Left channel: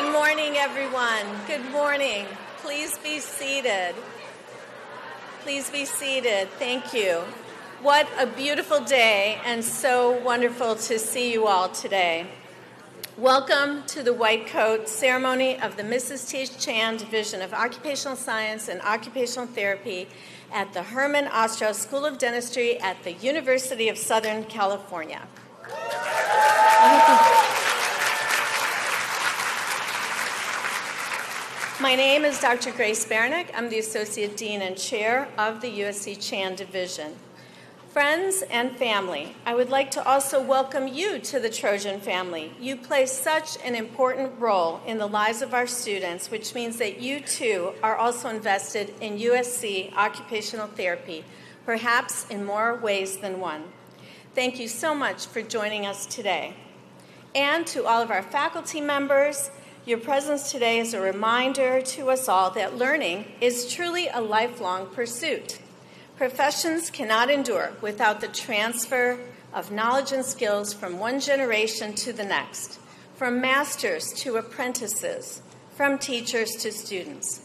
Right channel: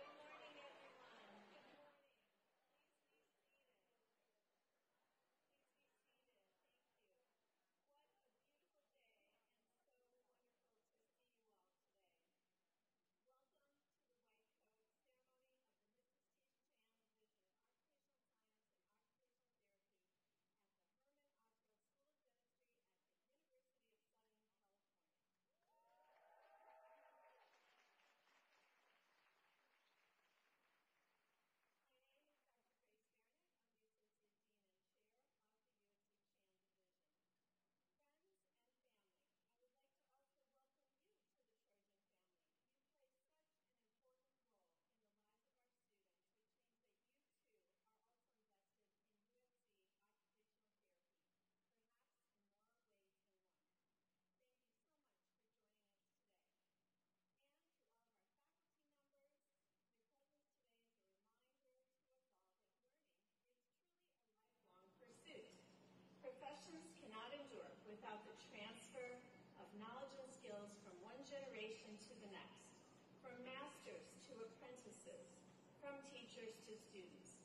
Good morning, everyone. Good morning. Please be seated. Please be seated. Thank you. What a beautiful day, and so wonderful to see you all today. Welcome to the White Coat ceremony of the Mrs. T. Chan Division of Occupational Science and Occupational Therapy at the Herman Ostrow School of Dentistry at the University of Southern California. My name is Dr. Grace Baranick. I'm the Associate Dean and Chair of the USC Chan Division. Friends and family, I would like to also welcome you to the Trojan family. You play such an important role in the lives of our students, which means that you too are also invested in USC occupational therapy, perhaps in more ways than one. Thank you so much for joining us today. And to all of our faculty members, your presence today is a reminder to us all that learning is truly a lifelong pursuit. Professions cannot endure without the transfer of knowledge and skills from one generation to the next, from masters to apprentices, from teachers to students.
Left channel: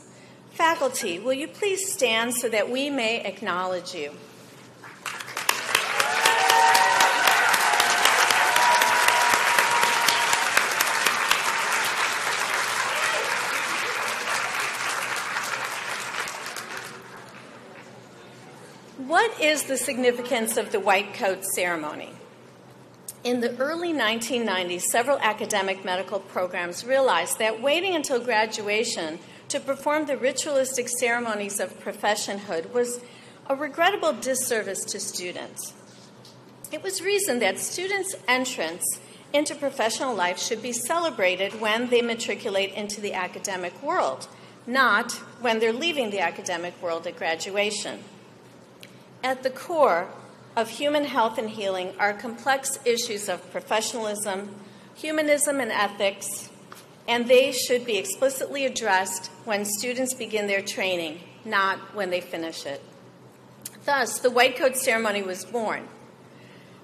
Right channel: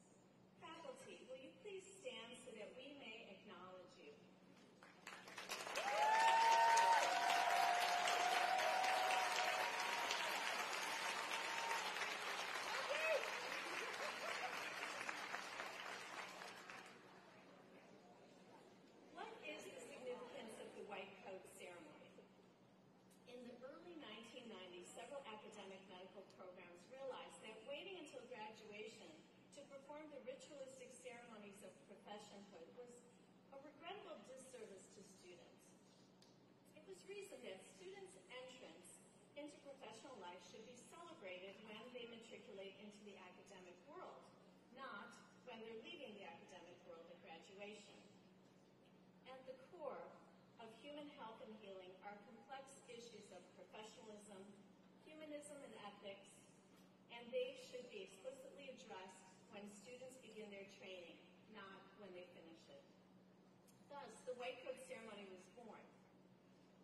Faculty, will you please stand so that we may acknowledge you? What is the significance of the White Coat ceremony? In the early 1990s, several academic medical programs realized that waiting until graduation to perform the ritualistic ceremonies of professionhood was a regrettable disservice to students. It was reasoned that students' entrance into professional life should be celebrated when they matriculate into the academic world, not when they're leaving the academic world at graduation. At the core of human health and healing are complex issues of professionalism, humanism, and ethics, and they should be explicitly addressed when students begin their training, not when they finish it. Thus, the White Coat ceremony was born.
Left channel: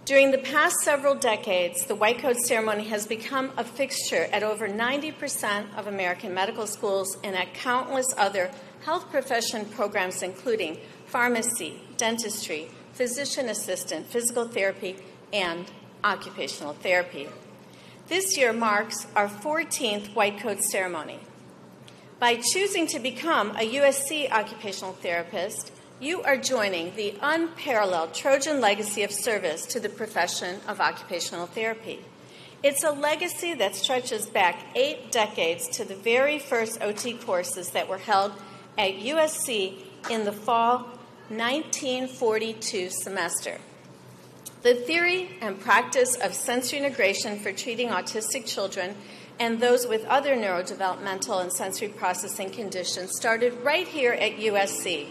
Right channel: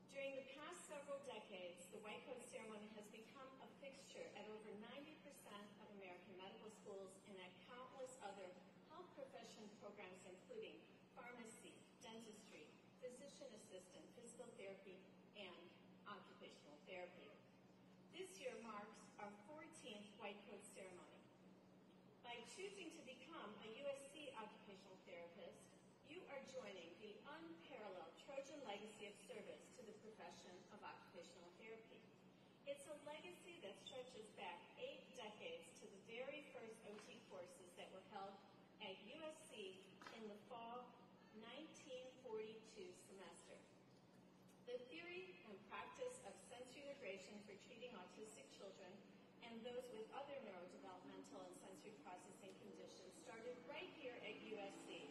During the past several decades, the White Coat ceremony has become a fixture at over 90% of American medical schools and at countless other health profession programs, including pharmacy, dentistry, physician assistant, physical therapy, and occupational therapy. This year marks our 14th White Coat ceremony. By choosing to become a USC occupational therapist, you are joining the unparalleled Trojan legacy of service to the profession of occupational therapy. It's a legacy that stretches back 8 decades to the very first OT courses that were held at USC in the fall 1942 semester. The theory and practice of sensory integration for treating autistic children and those with other neurodevelopmental and sensory processing conditions started right here at USC.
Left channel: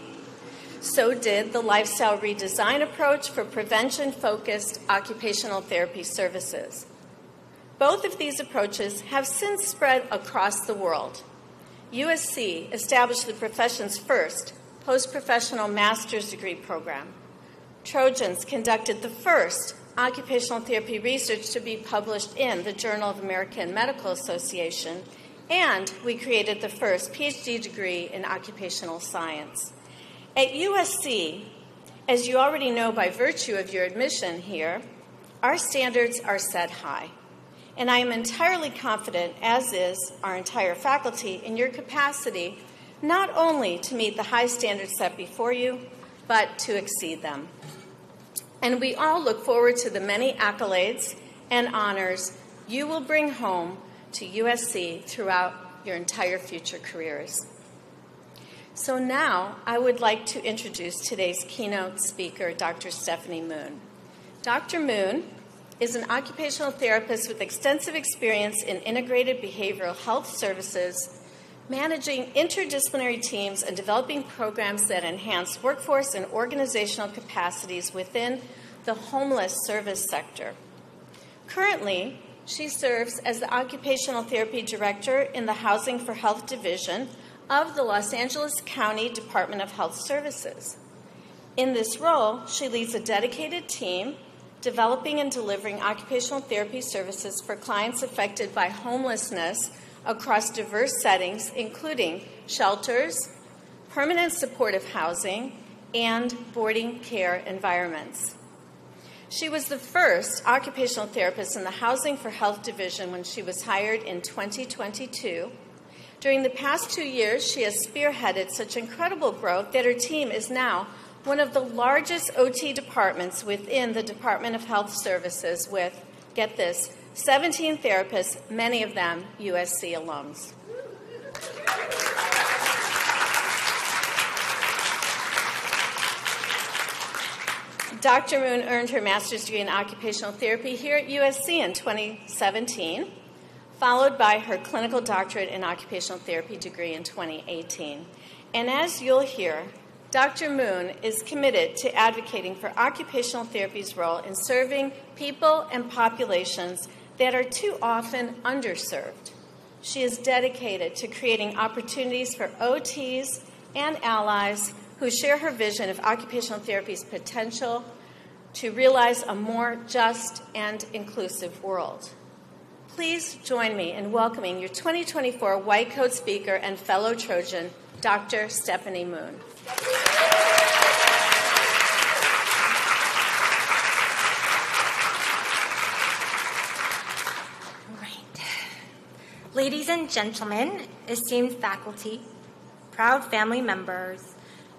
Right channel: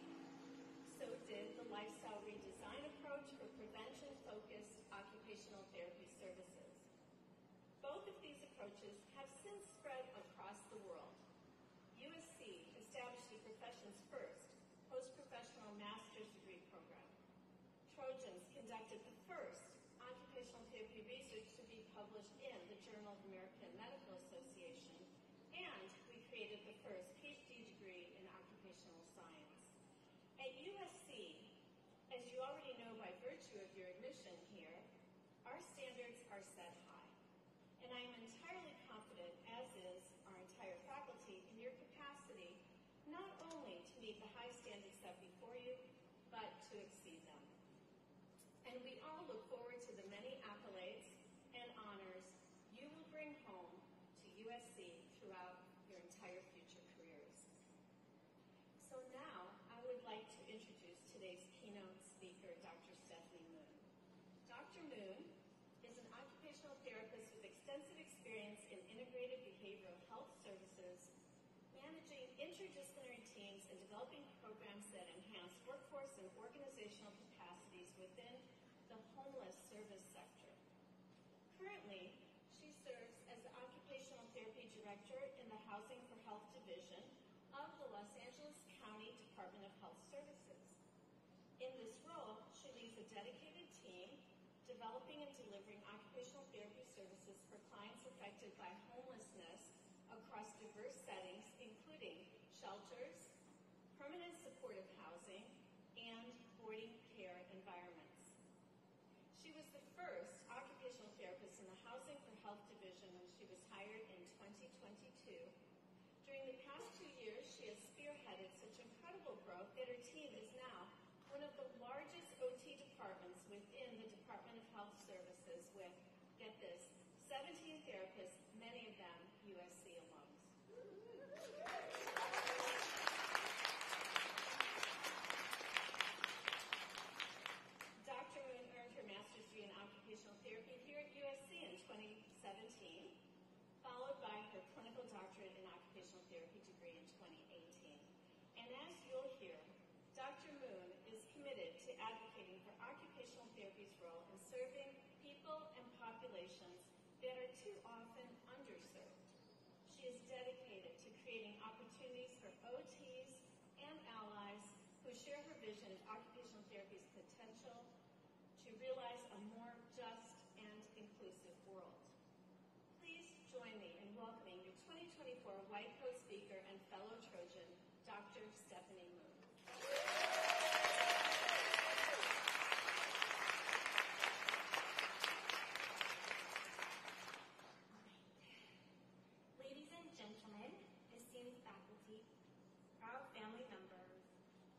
So did the lifestyle redesign approach for prevention-focused occupational therapy services. Both of these approaches have since spread across the world. USC established the profession's first post-professional master's degree program. Trojans conducted the first occupational therapy research to be published in the Journal of American Medical Association, and we created the first PhD degree in occupational science. At USC, as you already know by virtue of your admission here, our standards are set high. And I am entirely confident, as is our entire faculty, in your capacity not only to meet the high standards set before you, but to exceed them. And we all look forward to the many accolades and honors you will bring home to USC throughout your entire future careers. So now I would like to introduce today's keynote speaker, Dr. Stephanie Moon. Dr. Moon is an occupational therapist with extensive experience in integrated behavioral health services, managing interdisciplinary teams and developing programs that enhance workforce and organizational capacities within the homeless service sector. Currently, she serves as the Occupational Therapy Director in the Housing for Health Division of the Los Angeles County Department of Health Services. In this role, she leads a dedicated team developing and delivering occupational therapy services for clients affected by homelessness across diverse settings, including shelters, permanent supportive housing, and boarding care environments. She was the first occupational therapist in the Housing for Health Division when she was hired in 2022. During the past 2 years, she has spearheaded such incredible growth that her team is now one of the largest OT departments within the Department of Health Services with, get this, 17 therapists, many of them USC alums. Dr. Moon earned her master's degree in occupational therapy here at USC in 2017, followed by her clinical doctorate in occupational therapy degree in 2018. And as you'll hear, Dr. Moon is committed to advocating for occupational therapy's role in serving people and populations that are too often underserved. She is dedicated to creating opportunities for OTs and allies who share her vision of occupational therapy's potential to realize a more just and inclusive world. Please join me in welcoming your 2024 White Coat Speaker and fellow Trojan, Dr. Stephanie Moon. Ladies and gentlemen, esteemed faculty, proud family members,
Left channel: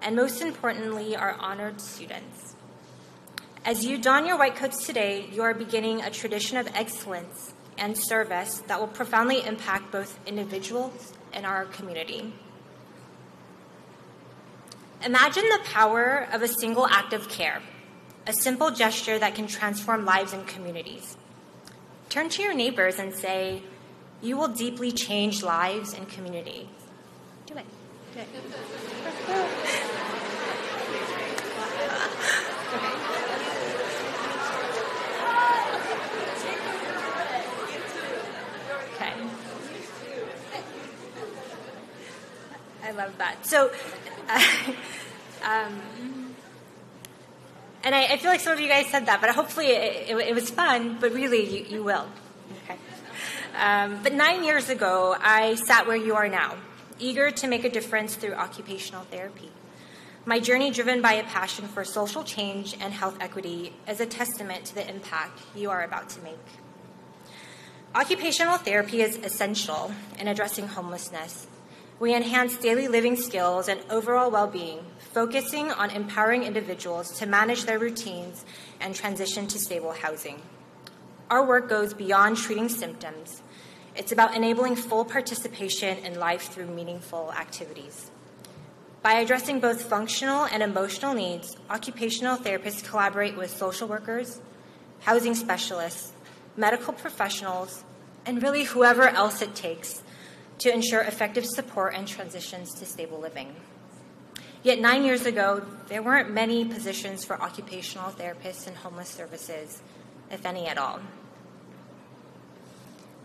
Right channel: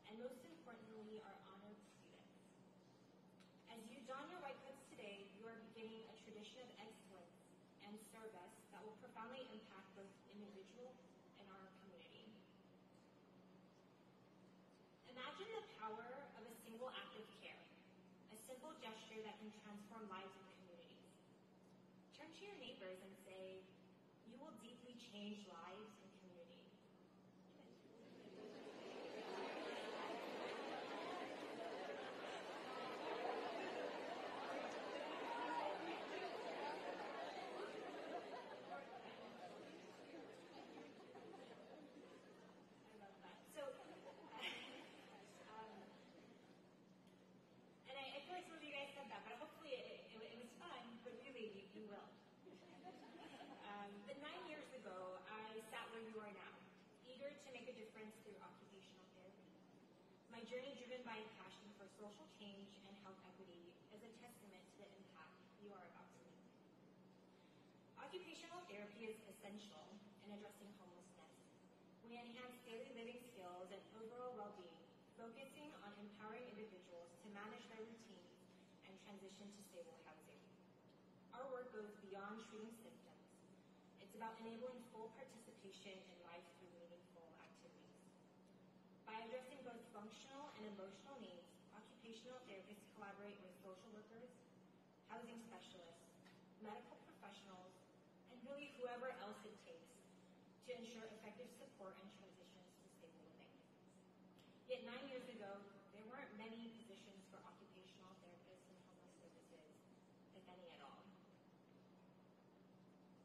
and most importantly, our honored students. As you don your white coats today, you are beginning a tradition of excellence and service that will profoundly impact both individuals and our community. Imagine the power of a single act of care, a simple gesture that can transform lives and communities. Turn to your neighbors and say, "You will deeply change lives and communities." Do it. Do it. Okay. I love that. So, and I feel like some of you guys said that, but hopefully it was fun, but really you will. Okay. But 9 years ago, I sat where you are now, eager to make a difference through occupational therapy. My journey, driven by a passion for social change and health equity, is a testament to the impact you are about to make. Occupational therapy is essential in addressing homelessness. We enhance daily living skills and overall well-being, focusing on empowering individuals to manage their routines and transition to stable housing. Our work goes beyond treating symptoms. It's about enabling full participation in life through meaningful activities. By addressing both functional and emotional needs, occupational therapists collaborate with social workers, housing specialists, medical professionals, and really whoever else it takes to ensure effective support and transitions to stable living. Yet 9 years ago, there weren't many positions for occupational therapists in homeless services, if any at all.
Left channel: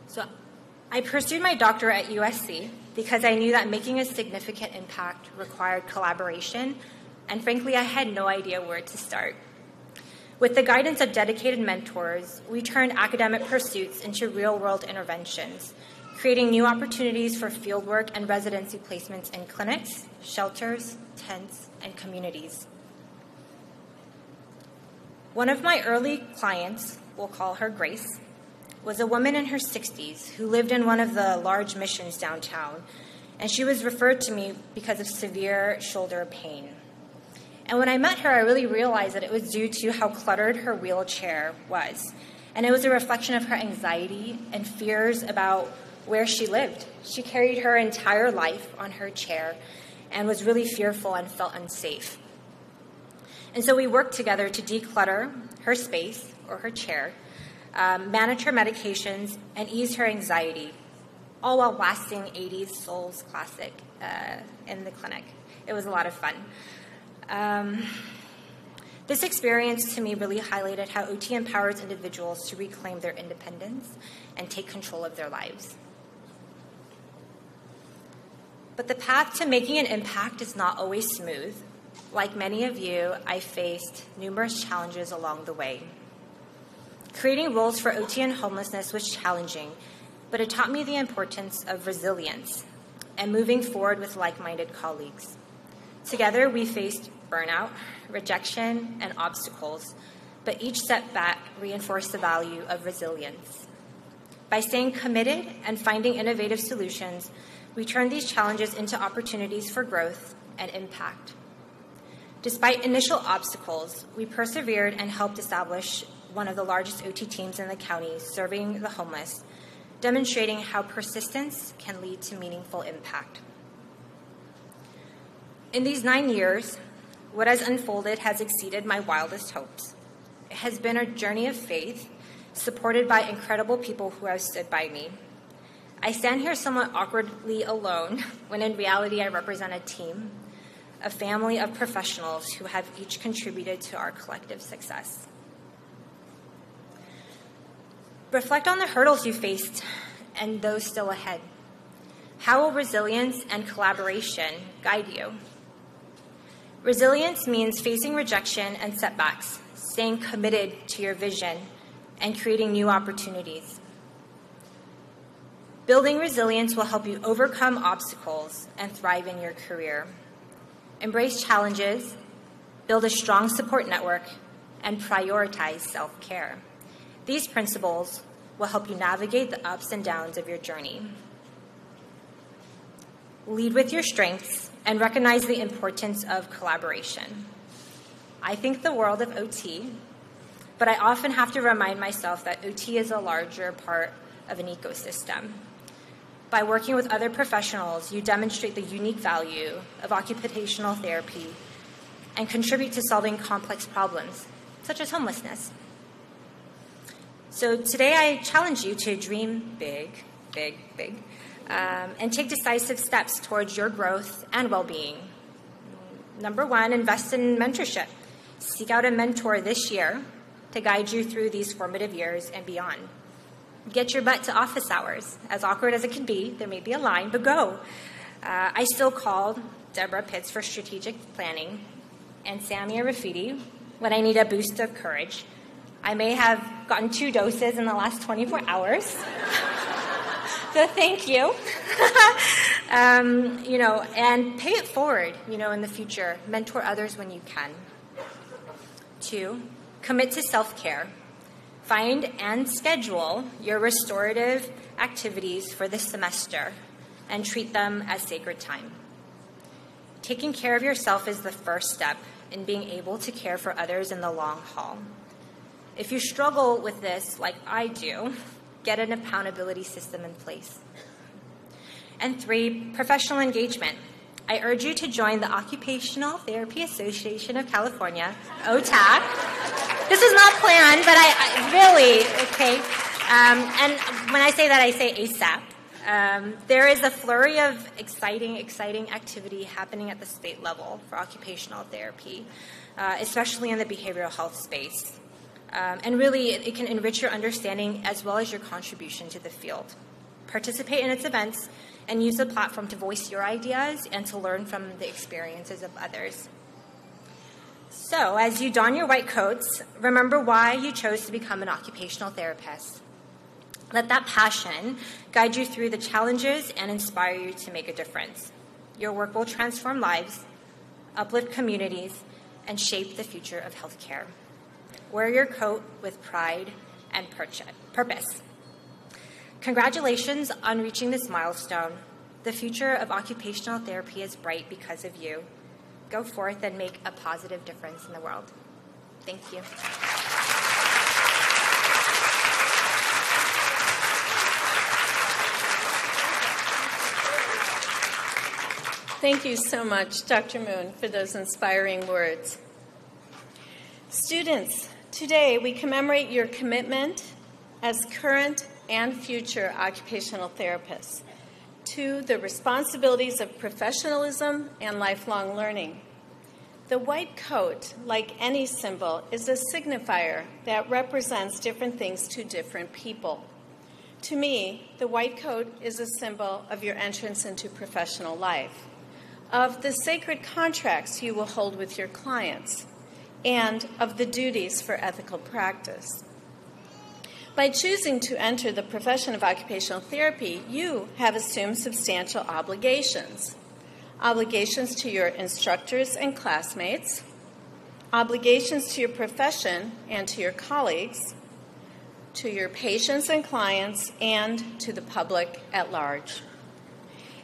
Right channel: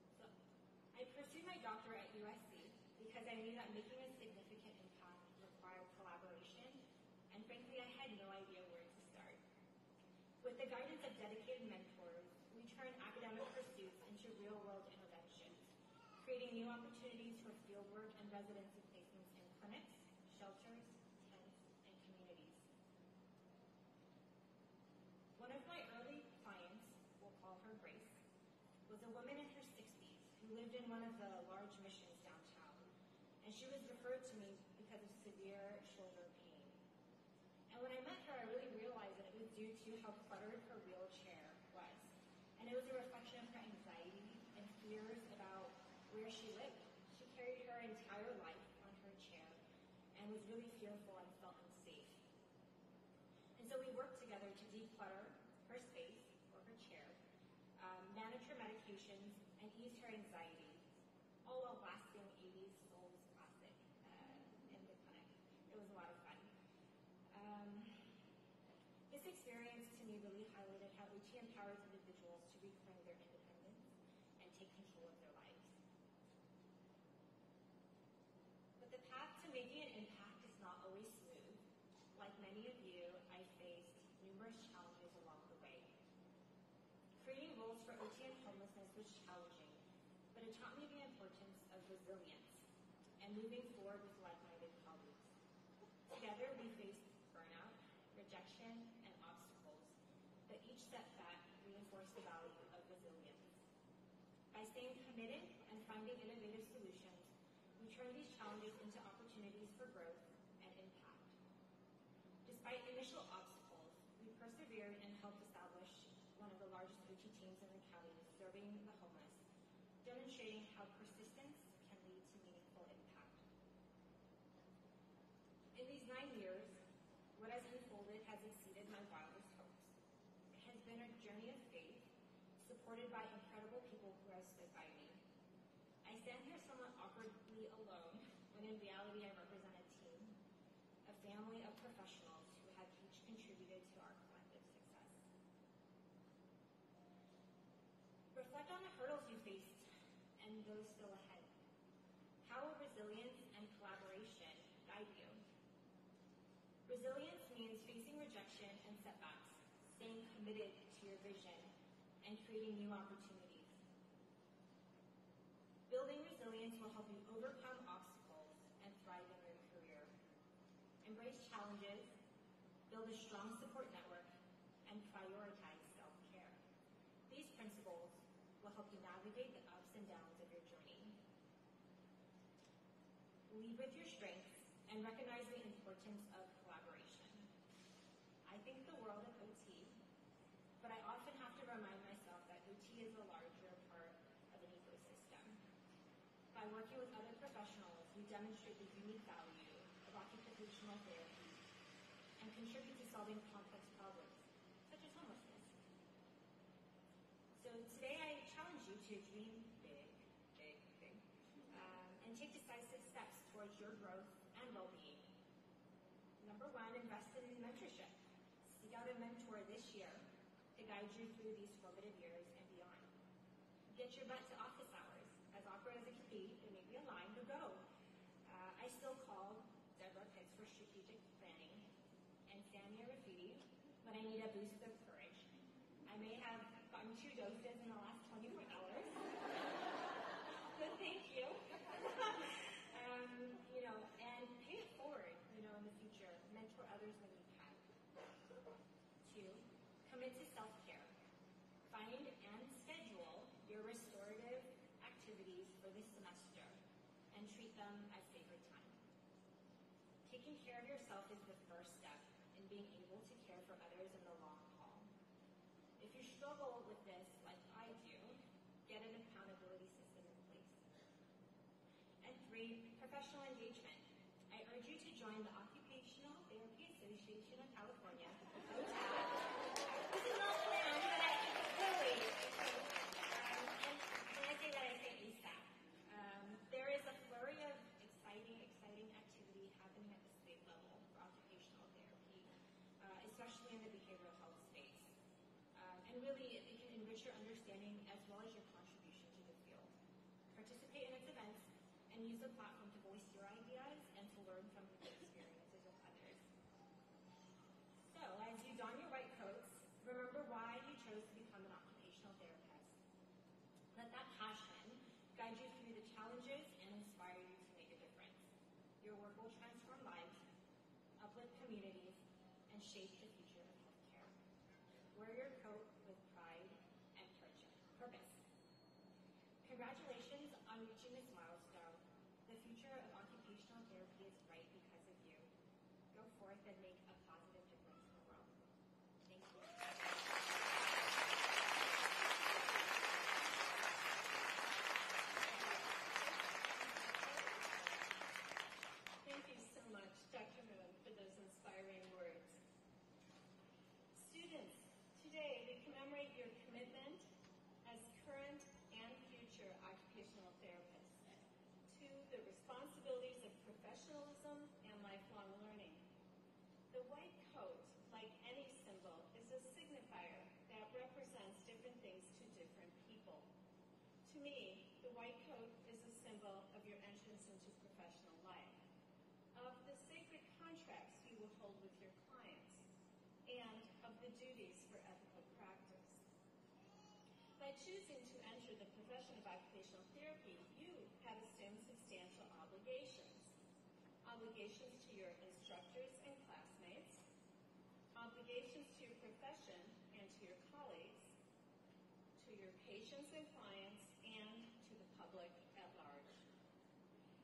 So I pursued my doctorate at USC because I knew that making a significant impact required collaboration, and frankly, I had no idea where to start. With the guidance of dedicated mentors, we turned academic pursuits into real-world interventions, creating new opportunities for fieldwork and residency placements in clinics, shelters, tents, and communities. One of my early clients, we'll call her Grace, was a woman in her 60s who lived in one of the large missions downtown, and she was referred to me because of severe shoulder pain. And when I met her, I really realized that it was due to how cluttered her wheelchair was, and it was a reflection of her anxiety and fears about where she lived. She carried her entire life on her chair and was really fearful and felt unsafe. And so we worked together to declutter her space or her chair, manage her medications, and ease her anxiety, all while blasting 80s Souls classic in the clinic. It was a lot of fun. This experience to me really highlighted how OT empowers individuals to reclaim their independence and take control of their lives. But the path to making an impact is not always smooth. Like many of you, I faced numerous challenges along the way. Creating roles for OT and homelessness was challenging, but it taught me the importance of resilience and moving forward with like-minded colleagues. Together, we faced burnout, rejection, and obstacles, but each setback reinforced the value of resilience. By staying committed and finding innovative solutions, we turned these challenges into opportunities for growth and impact. Despite initial obstacles, we persevered and helped establish one of the largest OT teams in the county serving the homeless, demonstrating how persistence can lead to meaningful impact. In these 9 years, what has unfolded has exceeded my wildest hopes. It has been a journey of faith, supported by incredible people who have stood by me. I stand here somewhat awkwardly alone, when in reality I represent a team, a family of professionals who have each contributed to our collective success. Reflect on the hurdles you faced and those still ahead. How will resilience and collaboration guide you? Resilience means facing rejection and setbacks, staying committed to your vision, and creating new opportunities. Building resilience will help you overcome obstacles and thrive in your career. Embrace challenges, build a strong support network, and prioritize self-care. These principles will help you navigate the ups and downs of your journey. Lead with your strengths and recognize the importance of collaboration. I think the world of OT, but I often have to remind myself that OT is a larger part of an ecosystem. By working with other professionals, you demonstrate the unique value of occupational therapy and contribute to solving complex problems, such as homelessness. So today I challenge you to dream big, big, big, and take decisive steps towards your growth and well-being. Number 1, invest in mentorship. Seek out a mentor this year to guide you through these formative years and beyond. Get your butt to office hours. As awkward as it can be, there may be a line, but go. I still called Deborah Pitts for strategic planning and Samia Rafidi when I need a boost of courage. I may have gotten 2 doses in the last 24 hours. So thank you. And pay it forward, in the future. Mentor others when you can. 2, commit to self-care. Find and schedule your restorative activities for this semester and treat them as sacred time. Taking care of yourself is the first step in being able to care for others in the long haul. If you struggle with this, like I do, get an accountability system in place. And 3, professional engagement. I urge you to join the Occupational Therapy Association of California, OTAC. This is not planned, but I really, okay. And when I say that, I say ASAP. There is a flurry of exciting activity happening at the state level for occupational therapy, especially in the behavioral health space. And really, it can enrich your understanding as well as your contribution to the field. Participate in its events and use the platform to voice your ideas and to learn from the experiences of others. So, as you don your white coats, remember why you chose to become an occupational therapist. Let that passion guide you through the challenges and inspire you to make a difference. Your work will transform lives, uplift communities, and shape the future of healthcare. Wear your coat with pride and purpose. Congratulations on reaching this milestone. The future of occupational therapy is bright because of you. Go forth and make a positive difference in the world. Thank you. Thank you so much, Dr. Moon, for those inspiring words. Students, today we commemorate your commitment as current and future occupational therapists to the responsibilities of professionalism and lifelong learning. The white coat, like any symbol, is a signifier that represents different things to different people. To me, the white coat is a symbol of your entrance into professional life, of the sacred contracts you will hold with your clients, and of the duties for ethical practice. By choosing to enter the profession of occupational therapy, you have assumed substantial obligations. Obligations to your instructors and classmates, obligations to your profession and to your colleagues, to your patients and clients, and to the public at large.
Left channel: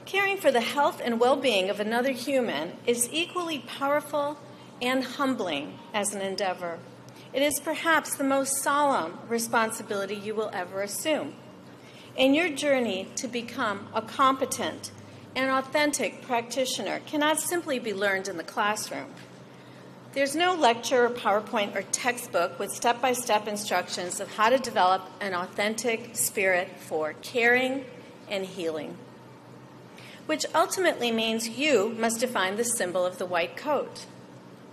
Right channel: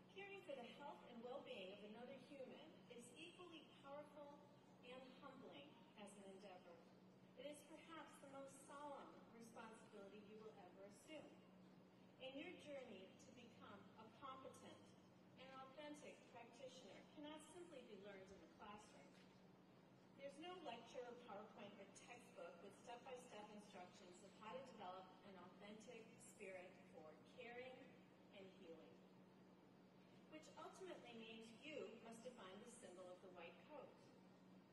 Caring for the health and well-being of another human is equally powerful and humbling as an endeavor. It is perhaps the most solemn responsibility you will ever assume. And your journey to become a competent and authentic practitioner cannot simply be learned in the classroom. There's no lecture or PowerPoint or textbook with step-by-step instructions of how to develop an authentic spirit for caring and healing, which ultimately means you must define the symbol of the white coat.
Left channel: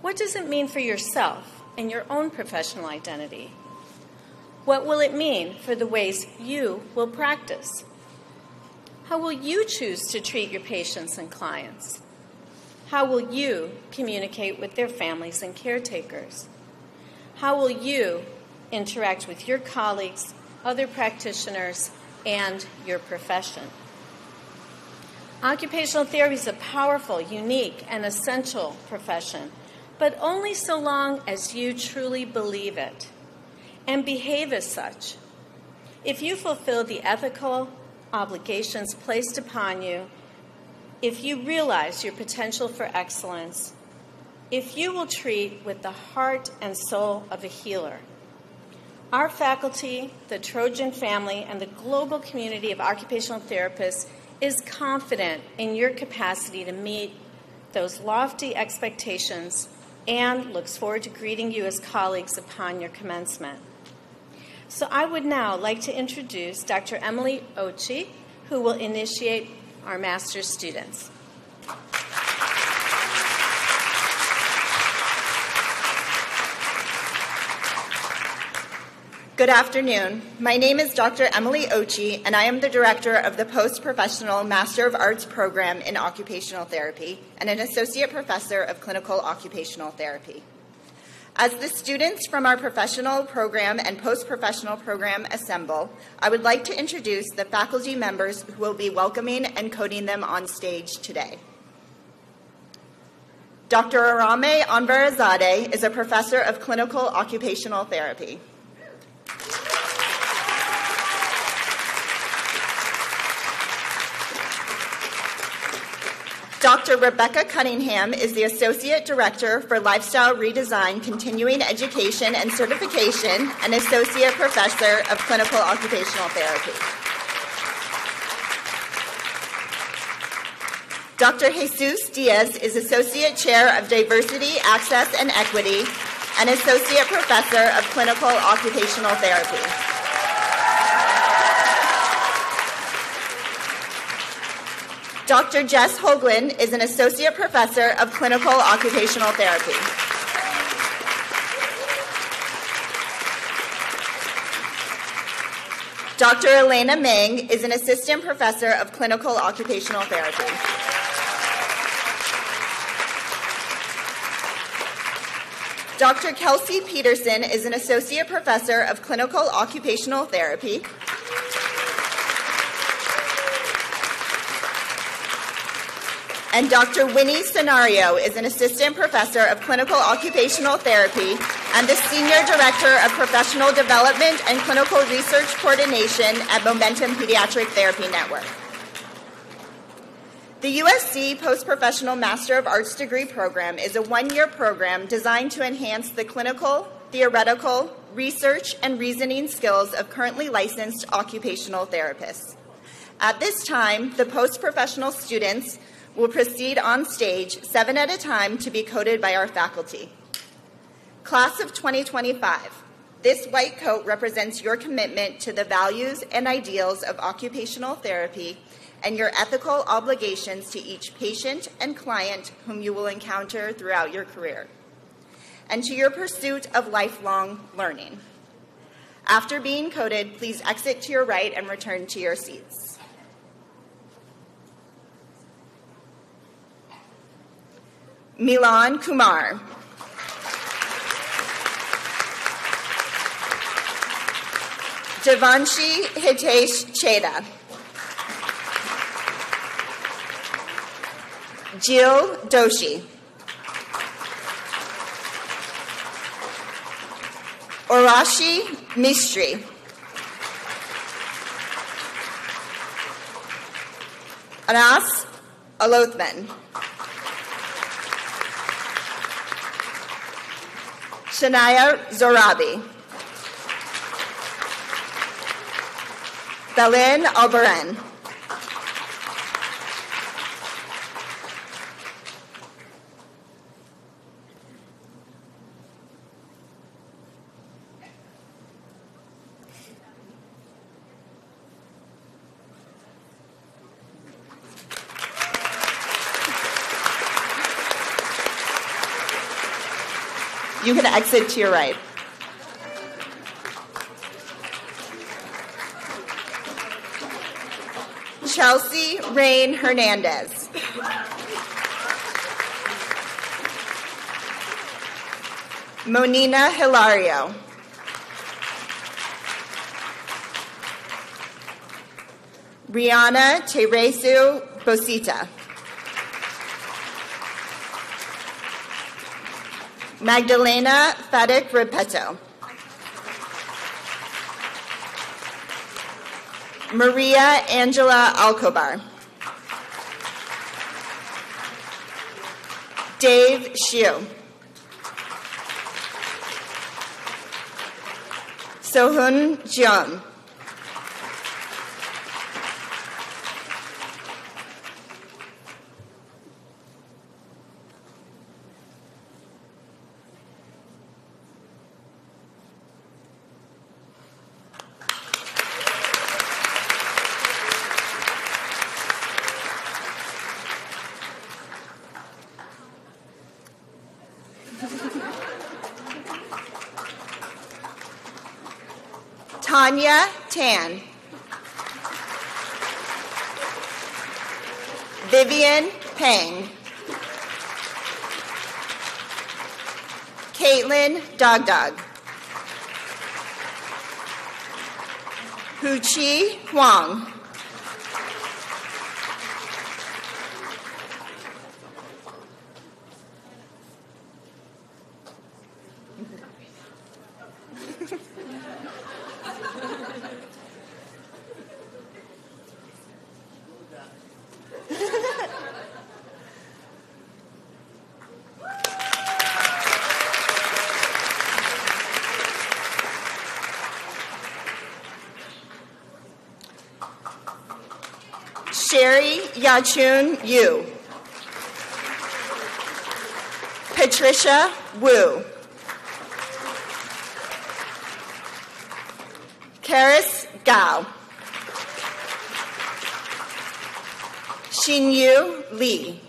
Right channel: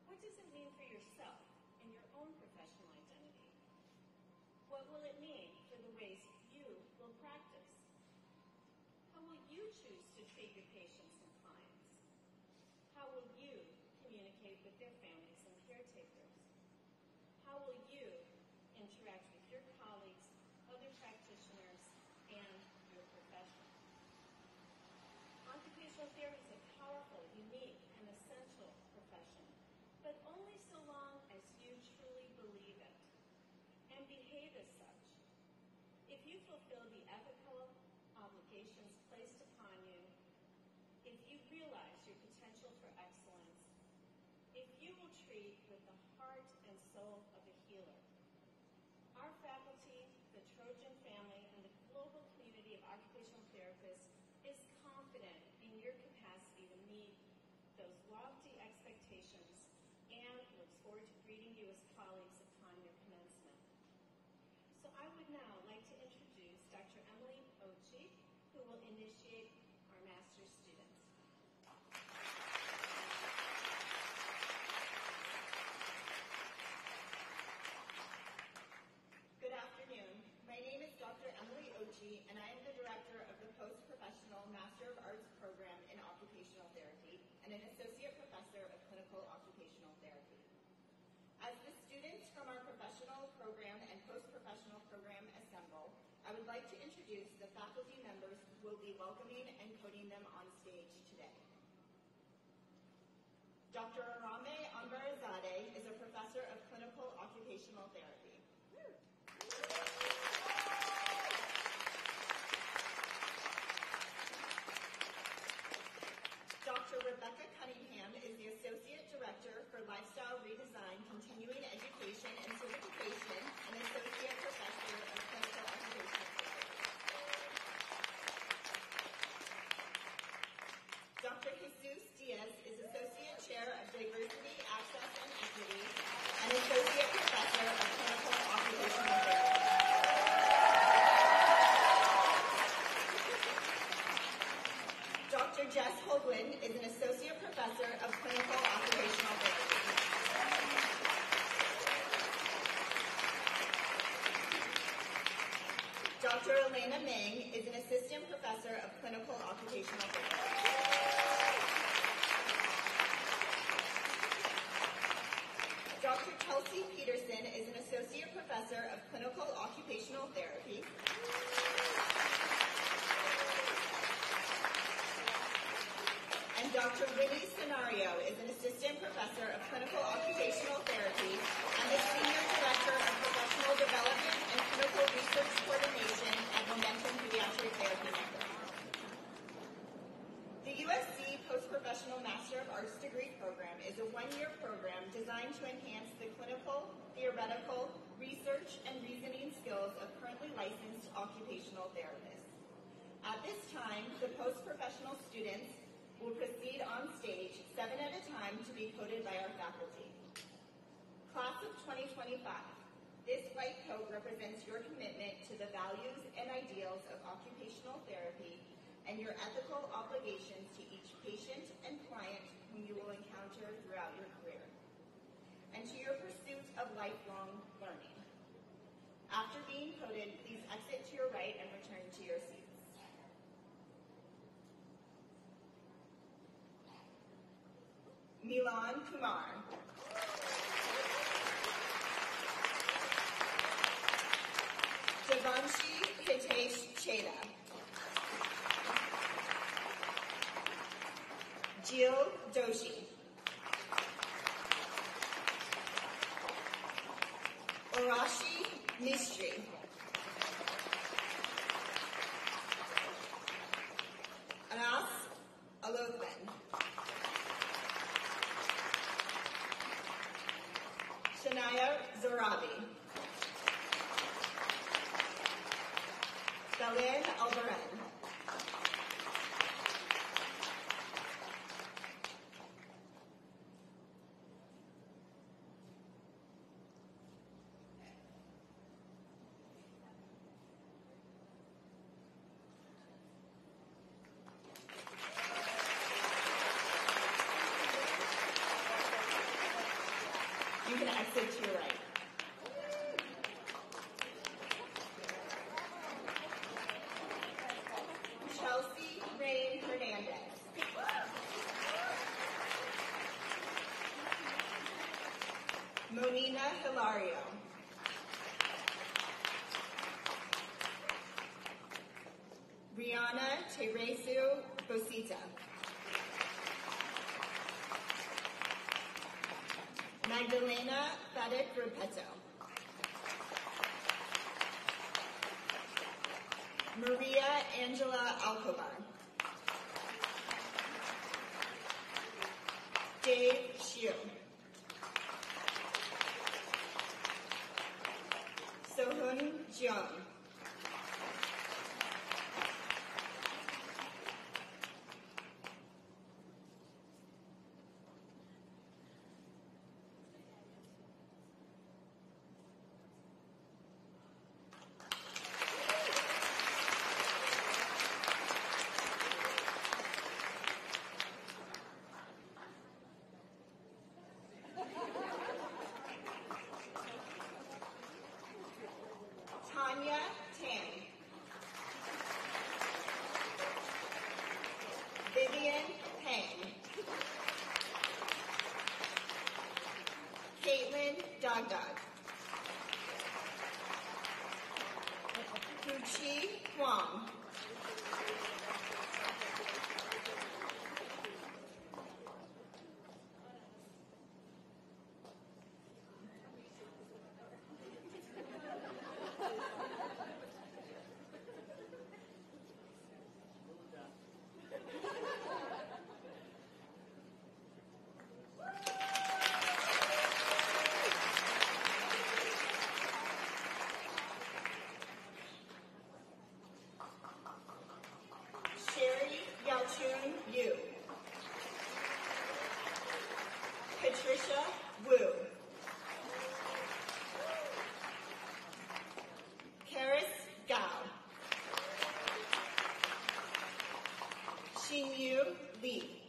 What does it mean for yourself and your own professional identity? What will it mean for the ways you will practice? How will you choose to treat your patients and clients? How will you communicate with their families and caretakers? How will you interact with your colleagues, other practitioners, and your profession? Occupational therapy is a powerful, unique, and essential profession, but only so long as you truly believe it and behave as such. If you fulfill the ethical obligations placed upon you, if you realize your potential for excellence, if you will treat with the heart and soul of a healer, our faculty, the Trojan family, and the global community of occupational therapists is confident in your capacity to meet those lofty expectations and looks forward to greeting you as colleagues upon your commencement. So I would now like to introduce Dr. Emily Ochi, who will initiate our master's students. Good afternoon. My name is Dr. Emily Ochi, and I am the director of the Post-Professional Master of Arts program in Occupational Therapy and an associate professor of clinical occupational therapy. As the students from our professional program and post-professional program assemble, I would like to introduce the faculty members who will be welcoming and coding them on stage today. Dr. Arame Anvarazadeh is a professor of clinical occupational therapy. Dr. Rebecca Cunningham is the Associate Director for Lifestyle Redesign, Continuing Education and Certification, and Associate Professor of Clinical Occupational Therapy. Dr. Jesus Diaz is Associate Chair of Diversity, Access, and Equity, and Associate Professor of Clinical Occupational Therapy. Dr. Jess Hoagland is an Associate Professor of Clinical Occupational Therapy. Dr. Elena Meng is an Assistant Professor of Clinical Occupational Therapy. Dr. Kelsey Peterson is an Associate Professor of Clinical Occupational Therapy. And Dr. Winnie Scenario is an Assistant Professor of Clinical Occupational Therapy and the Senior Director of Professional Development and Clinical Research Coordination at Momentum Pediatric Therapy Network. The USC Post-Professional Master of Arts degree program is a one-year program designed to enhance the clinical, theoretical, research, and reasoning skills of currently licensed occupational therapists. At this time, the post-professional students will proceed on stage 7 at a time to be coded by our faculty. Class of 2025, this white coat represents your commitment to the values and ideals of occupational therapy and your ethical obligations to each patient and client whom you will encounter throughout your career, and to your pursuit of lifelong learning. After being coded, please exit to your right and return to your seats. Milan Kumar. Devanshi Hitesh Cheda. Jill Doshi. Orashi Mistry. Anas Alothman. Shania Zorabi. Belin Albaran. You can exit to your right. Chelsea Rain Hernandez. Monina Hilario. Rihanna Teresu Bosita. Magdalena Fadik Repeto. Maria Angela Alcobar. Dave Shiu. Sohun Jeon. Tanya Tan. Vivian Pang. Caitlin Dogdog. Huchi Huang. Sherry Yachun Yu. Patricia Wu. Karis Gao. Xinyu Li.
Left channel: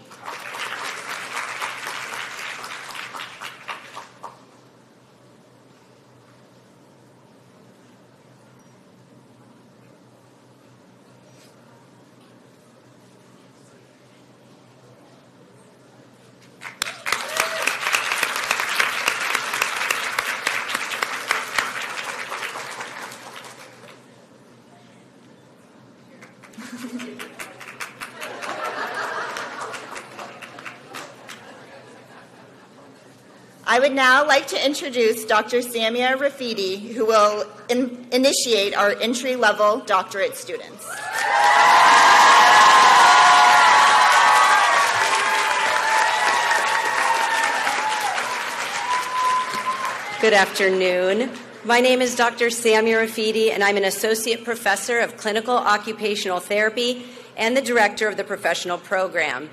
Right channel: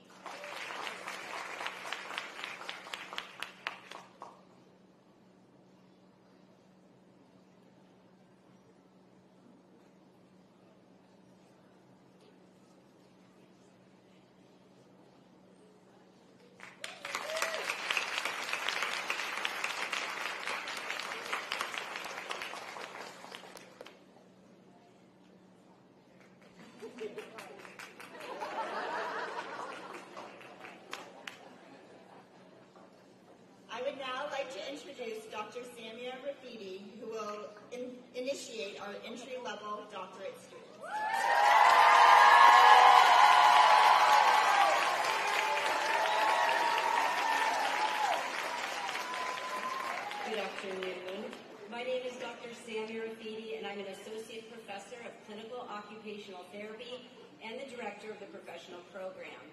I would now like to introduce Dr. Samia Rafidi, who will initiate our entry-level doctorate students. Good afternoon. My name is Dr. Samia Rafidi, and I'm an associate professor of clinical occupational therapy and the director of the professional program.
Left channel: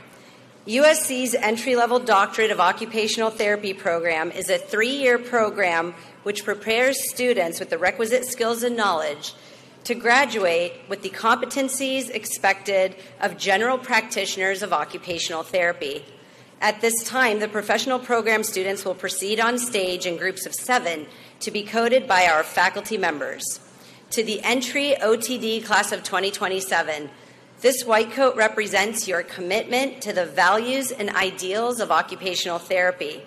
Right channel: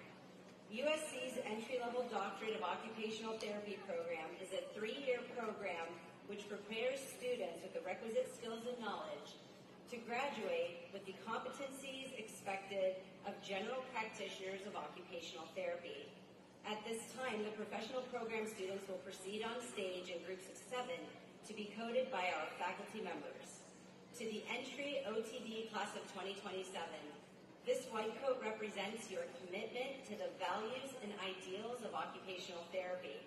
USC's entry-level doctorate of occupational therapy program is a 3-year program which prepares students with the requisite skills and knowledge to graduate with the competencies expected of general practitioners of occupational therapy. At this time, the professional program students will proceed on stage in groups of 7 to be coded by our faculty members. To the entry OTD class of 2027, this white coat represents your commitment to the values and ideals of occupational therapy.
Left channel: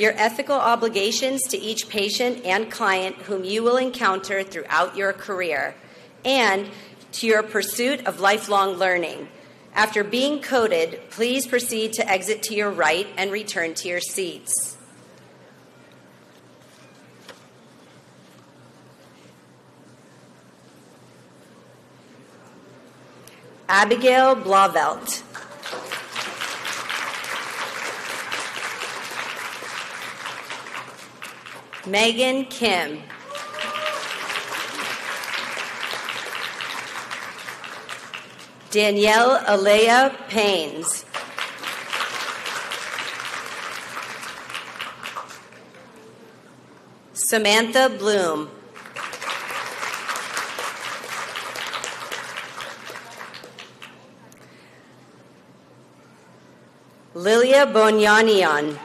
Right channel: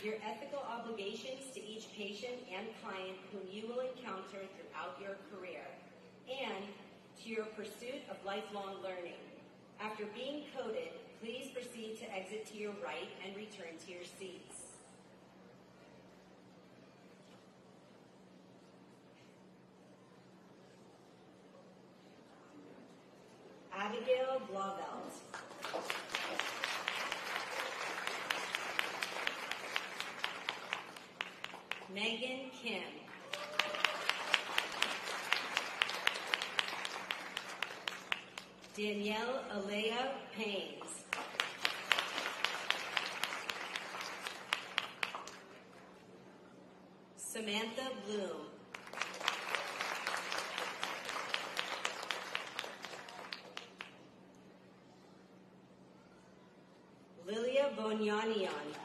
your ethical obligations to each patient and client whom you will encounter throughout your career, and to your pursuit of lifelong learning. After being coded, please proceed to exit to your right and return to your seats. Abigail Blavelt. Megan Kim. Danielle Alea Paines. Samantha Bloom. Lilia Bonyanian.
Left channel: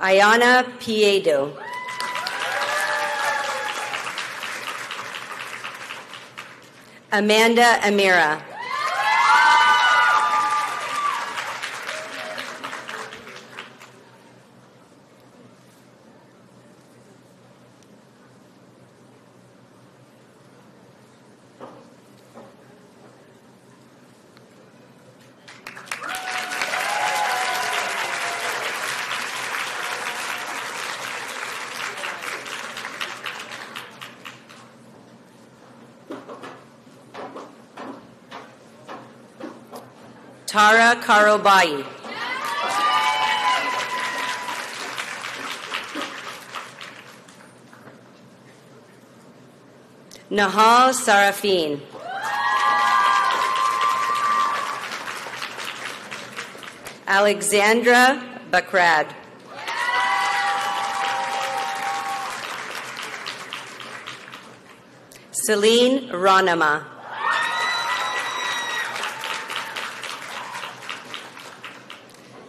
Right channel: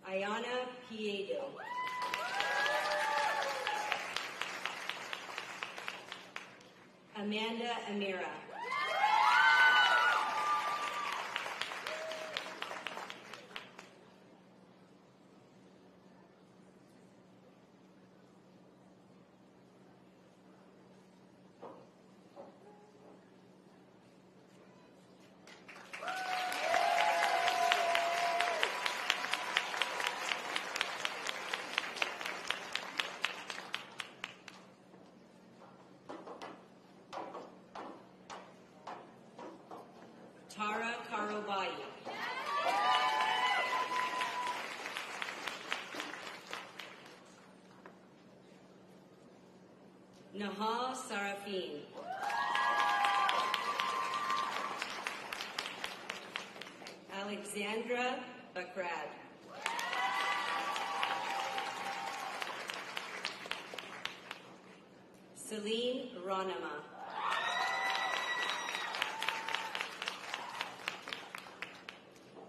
Ayana Piedo. Amanda Amira. Tara Karobai. Nahal Sarafin. Alexandra Bakrad. Celine Ranama.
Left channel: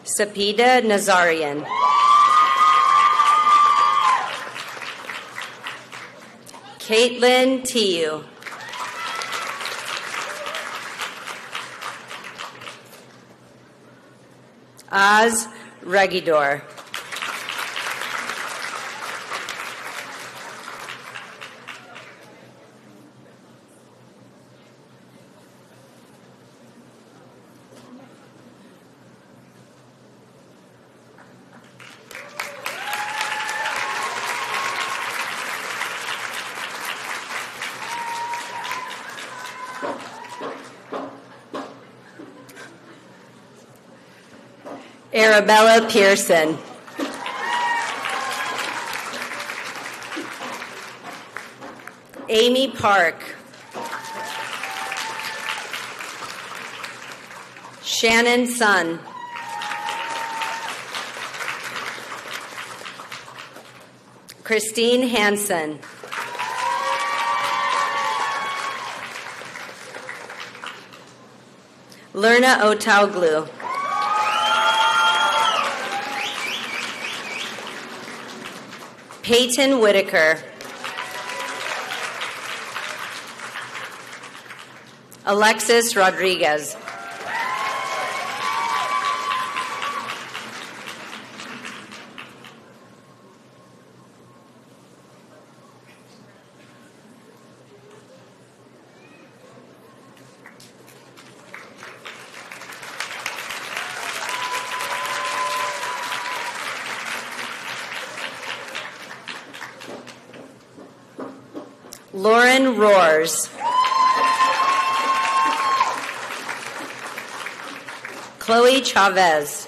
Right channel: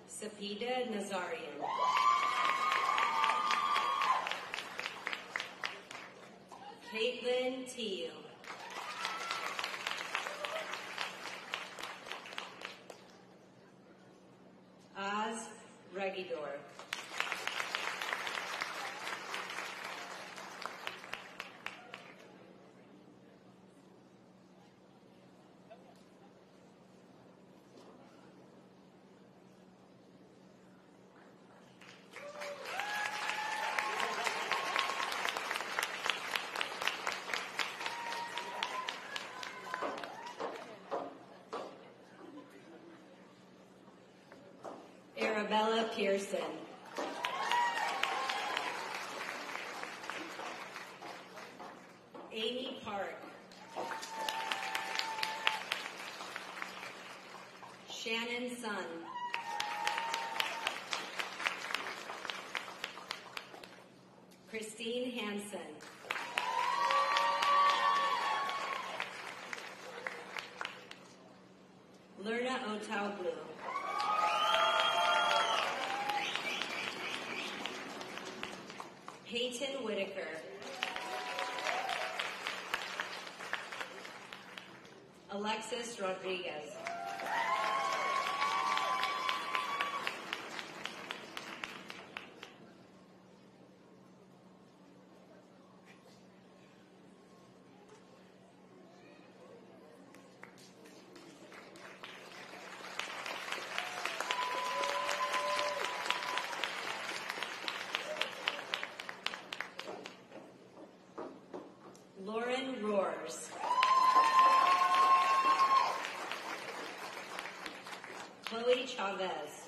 Sapida Nazarian. Caitlin Tiu. Az Regidor. Arabella Pearson. Amy Park. Shannon Sun. Christine Hansen. Lerna Otauglu. Peyton Whitaker. Alexis Rodriguez. Lauren Roars. Chloe Chavez.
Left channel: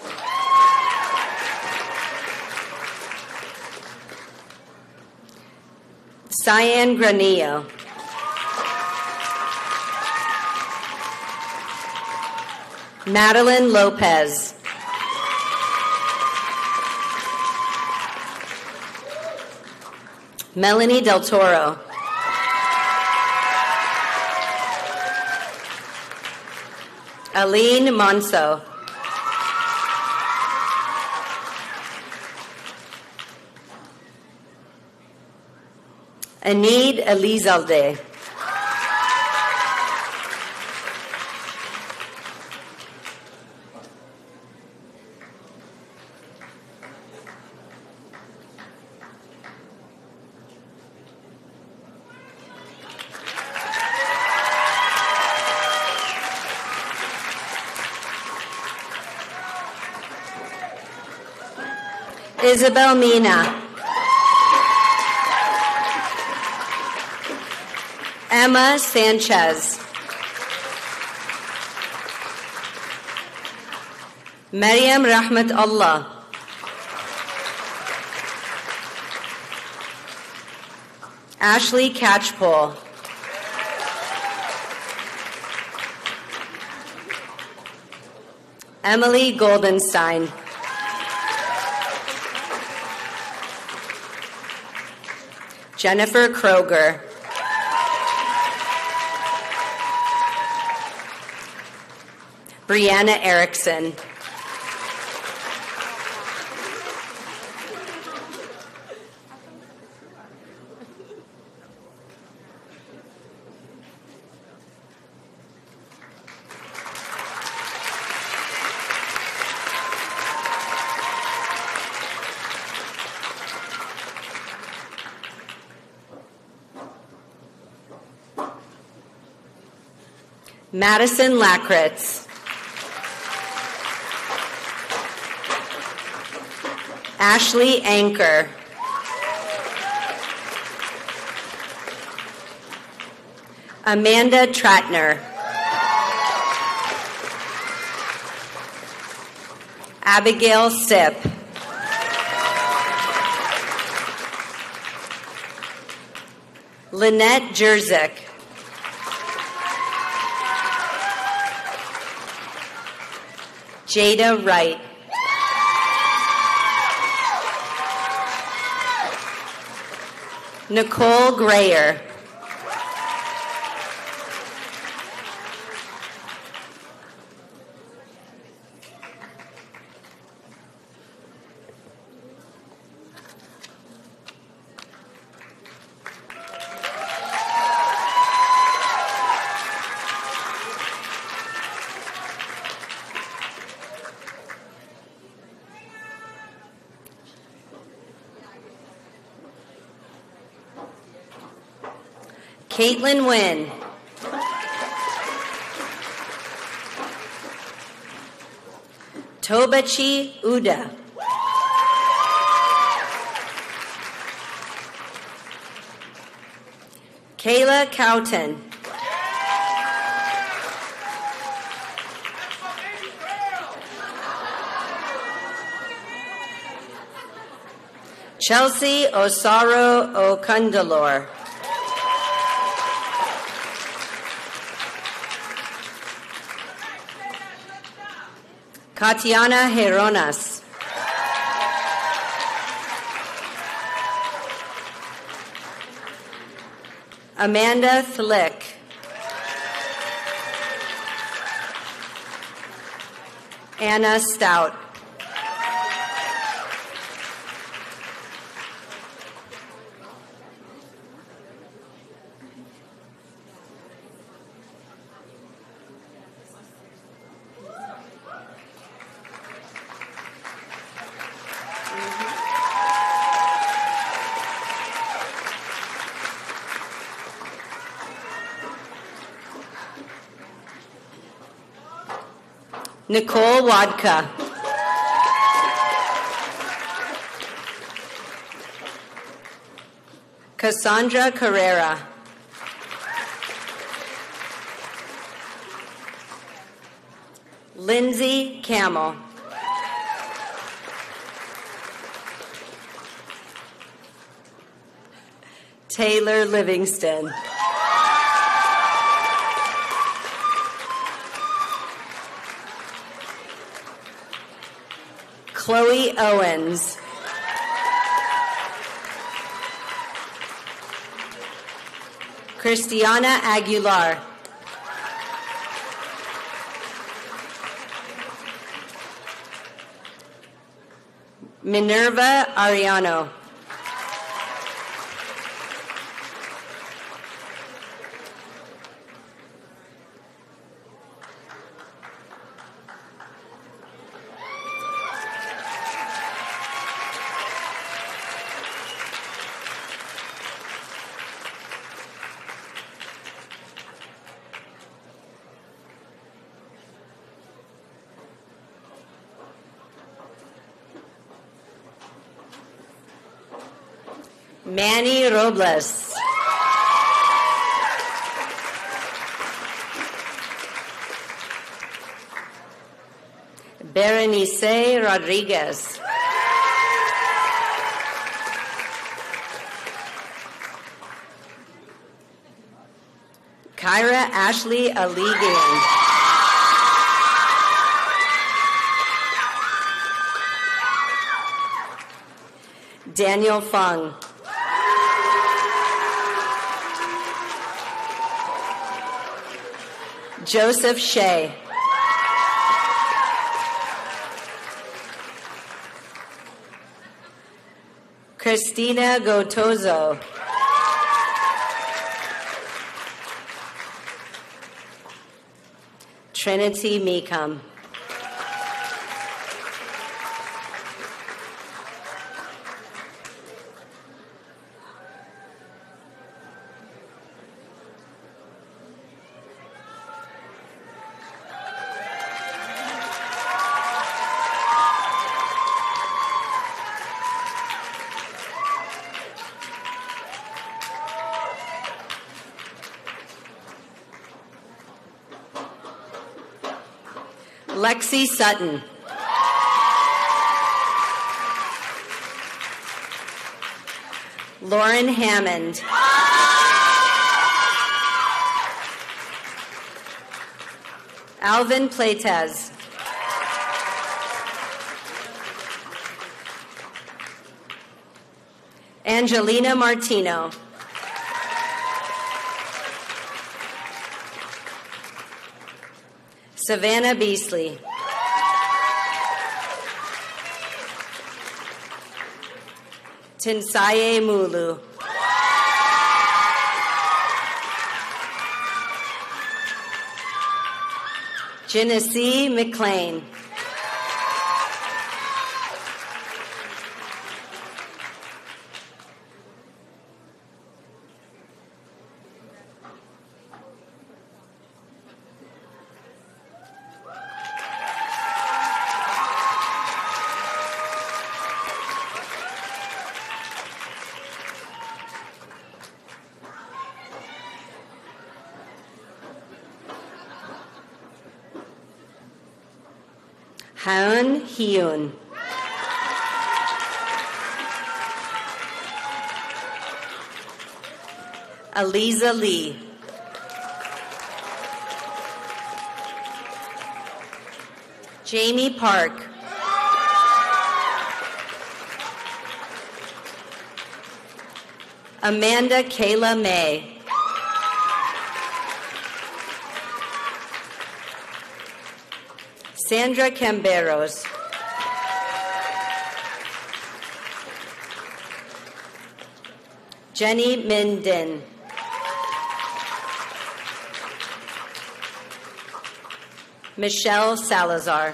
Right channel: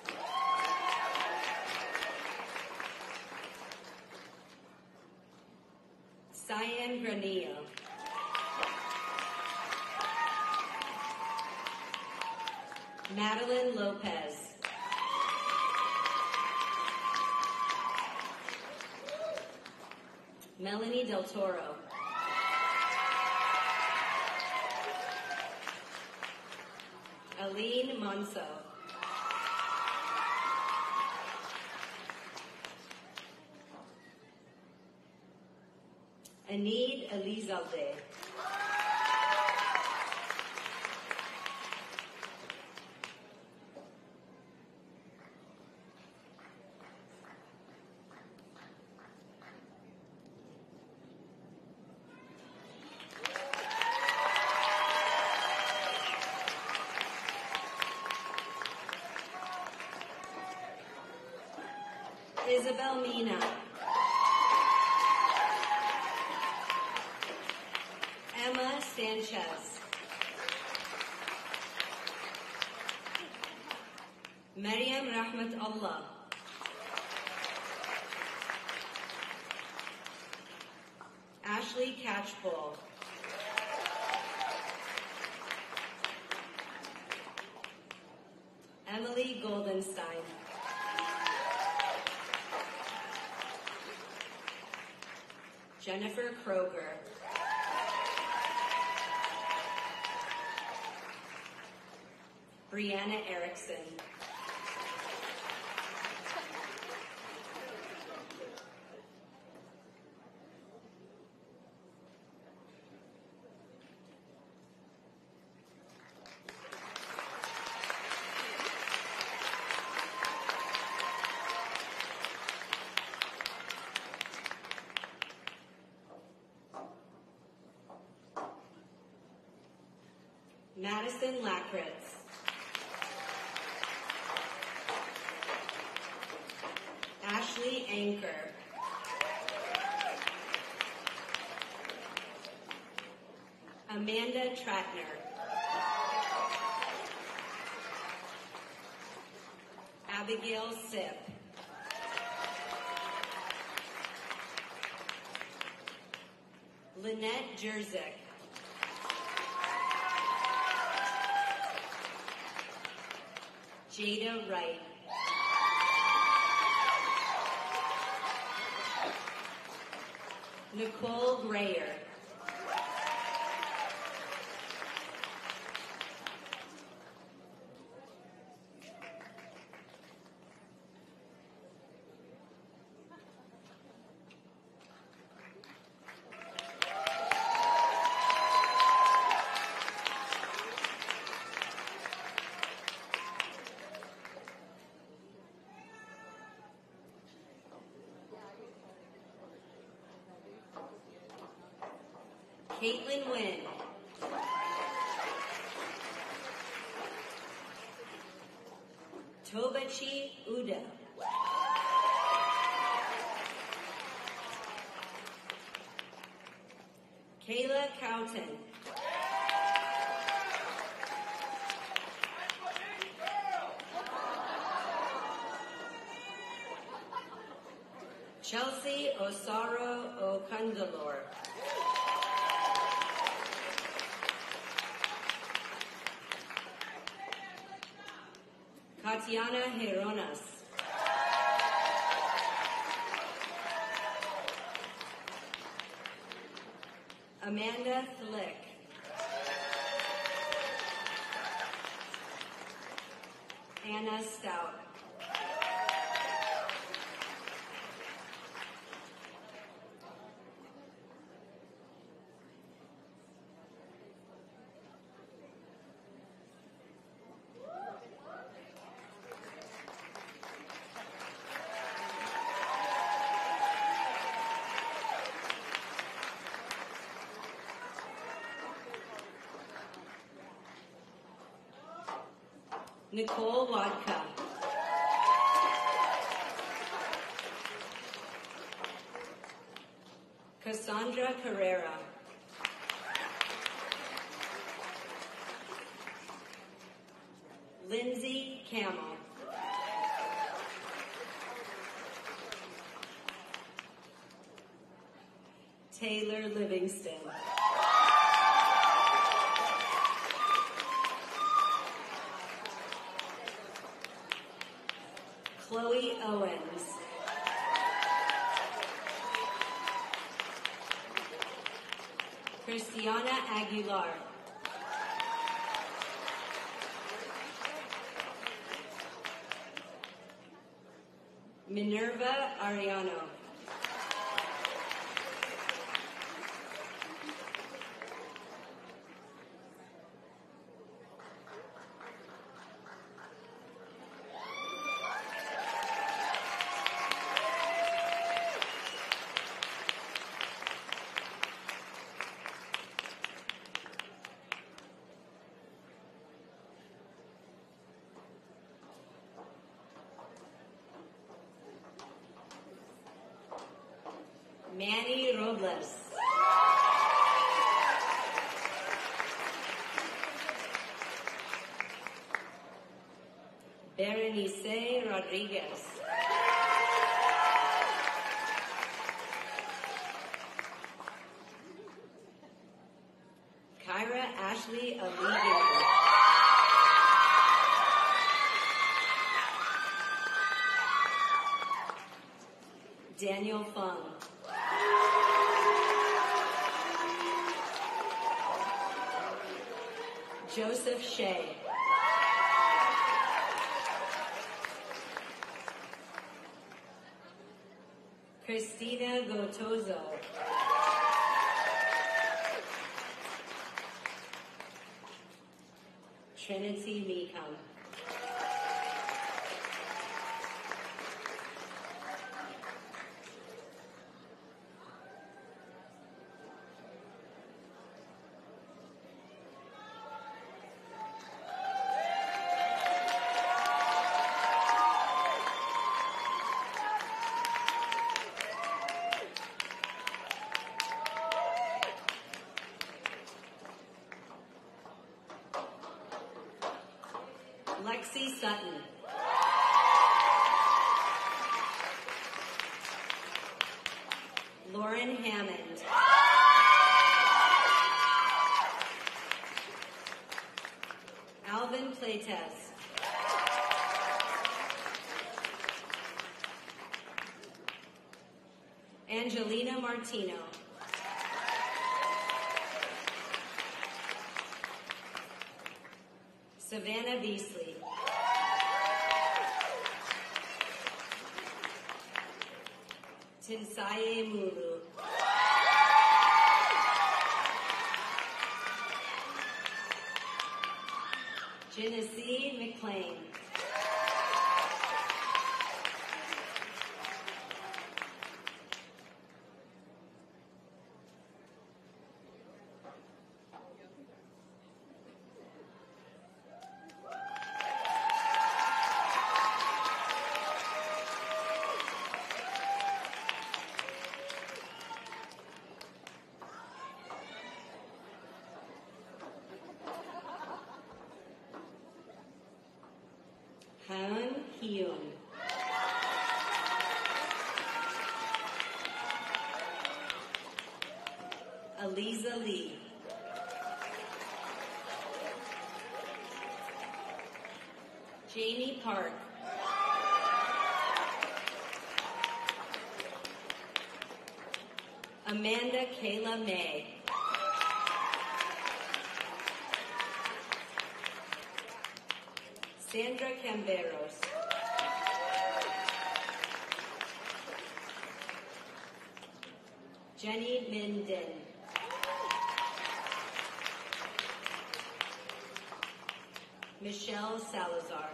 Cyan Granillo. Madeline Lopez. Melanie Del Toro. Aline Monso. Anid Elizalde. Isabel Mina. Emma Sanchez. Maryam Rahmat Allah. Ashley Catchpole. Emily Goldenstein. Jennifer Kroger. Brianna Erickson. Madison Lakritz. Ashley Anker. Amanda Tratner. Abigail Sipp. Lynette Jerzyk. Jada Wright. Nicole Grayer. Caitlin Wynn. Tobachi Uda. Kayla Cowton. Chelsea Osaro Okundalor. Katiana Heronas. Amanda Thlick. Anna Stout. Nicole Wadka. Cassandra Carrera. Lindsay Camel. Taylor Livingston. Chloe Owens. Christiana Aguilar. Minerva Ariano. Manny Robles. Berenice Rodriguez. Kyra Ashley Aligian. Daniel Fung. Joseph Shea. Christina Gotozo. Trinity Meekum. Lexi Sutton. Lauren Hammond. Alvin Playtez. Angelina Martino. Savannah Beasley. Tinsaye Mulu. Genesee McLean. Haun Hyun. Aliza Lee. Jamie Park. Amanda Kayla May. Sandra Camberos. Jenny Minden. Michelle Salazar.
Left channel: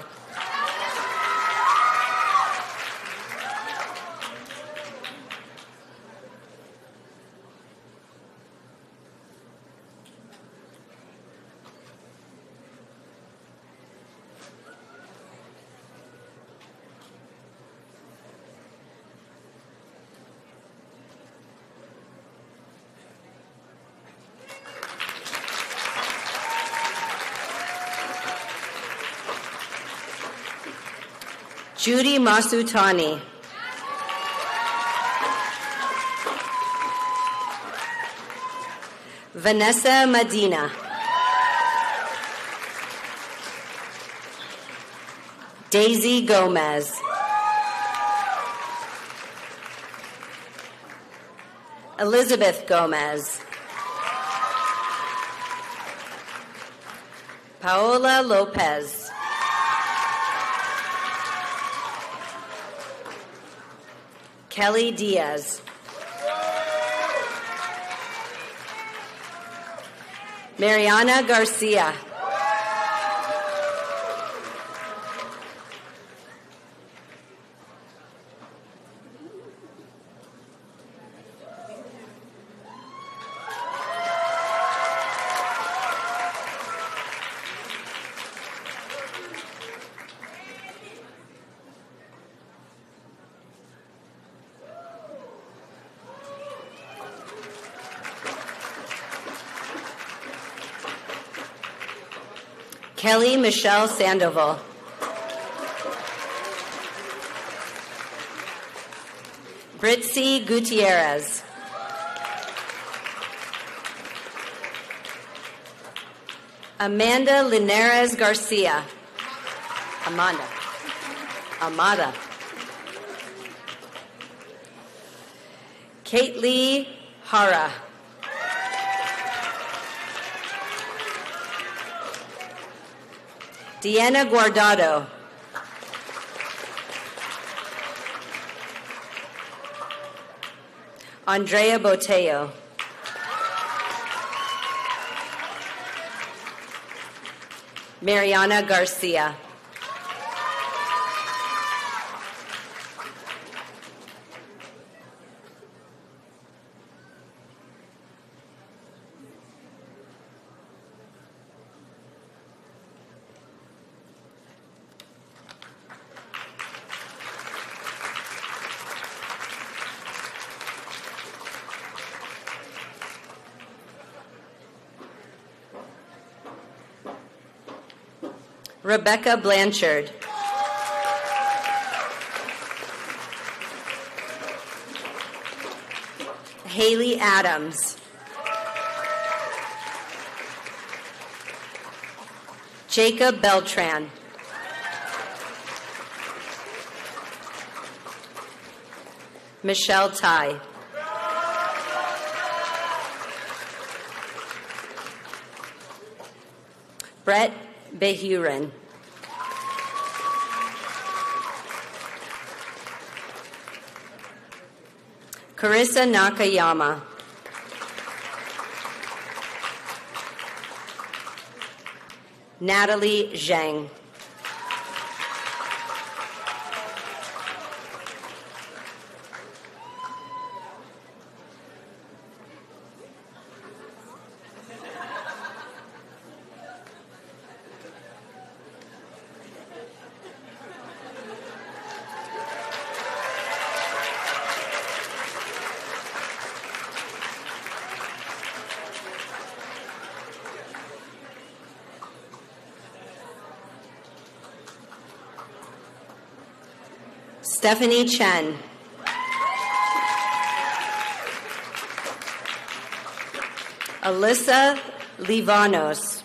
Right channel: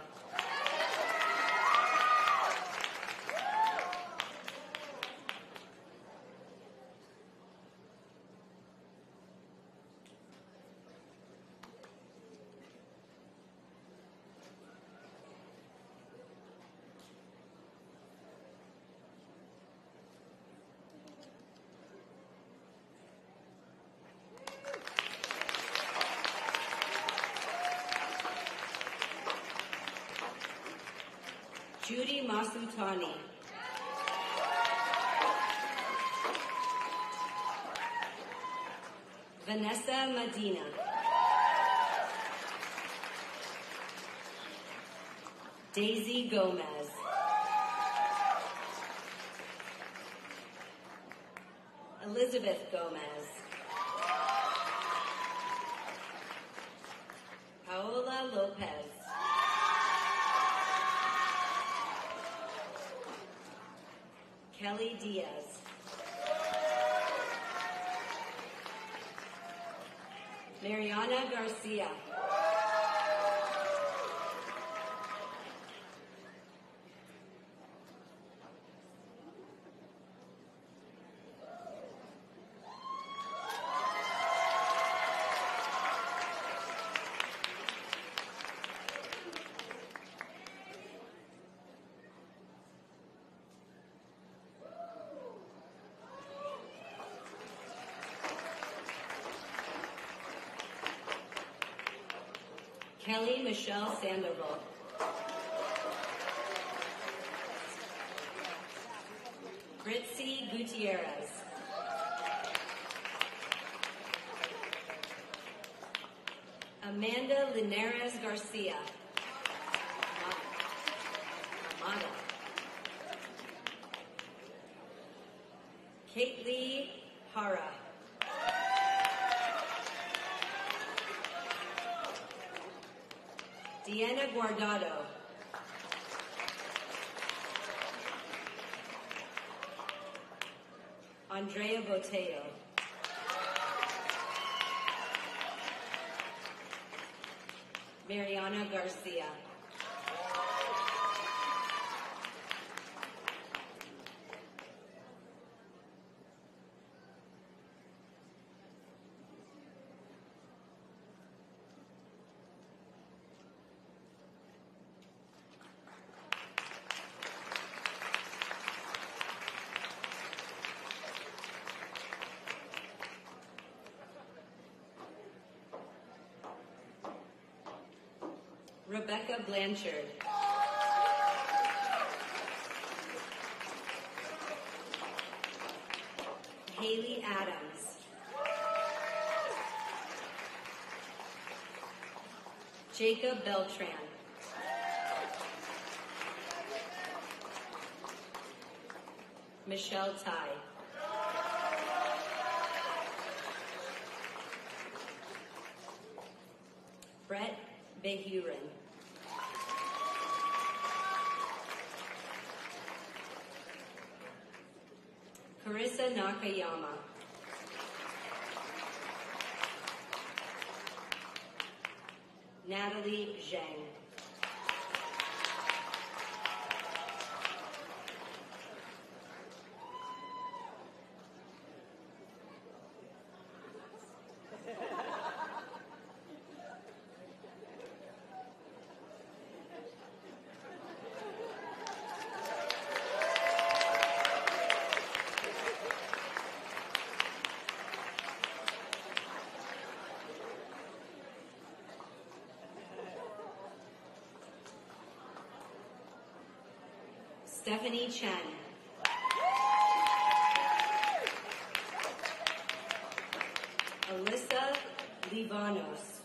Judy Masutani. Vanessa Medina. Daisy Gomez. Elizabeth Gomez. Paola Lopez. Kelly Diaz. Mariana Garcia. Kelly Michelle Sandoval. Britzy Gutierrez. Amanda Linares Garcia. Amada. Kate Lee Hara. Deanna Guardado. Andrea Botello. Mariana Garcia. Rebecca Blanchard. Haley Adams. Jacob Beltran. Michelle Tai. Brett Behurin. Carissa Nakayama. Natalie Zhang. Stephanie Chen. Alyssa Livanos.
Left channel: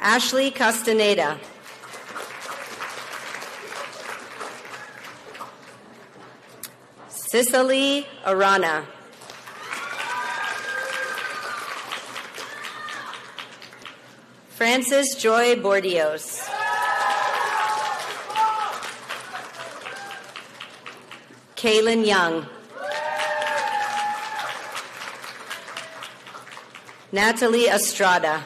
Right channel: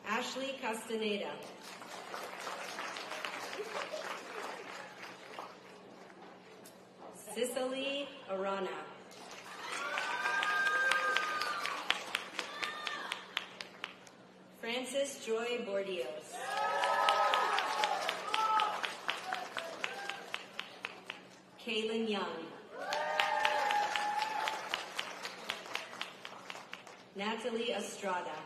Ashley Castaneda. Cicely Arana. Frances Joy Bordios. Kaylin Young. Natalie Estrada.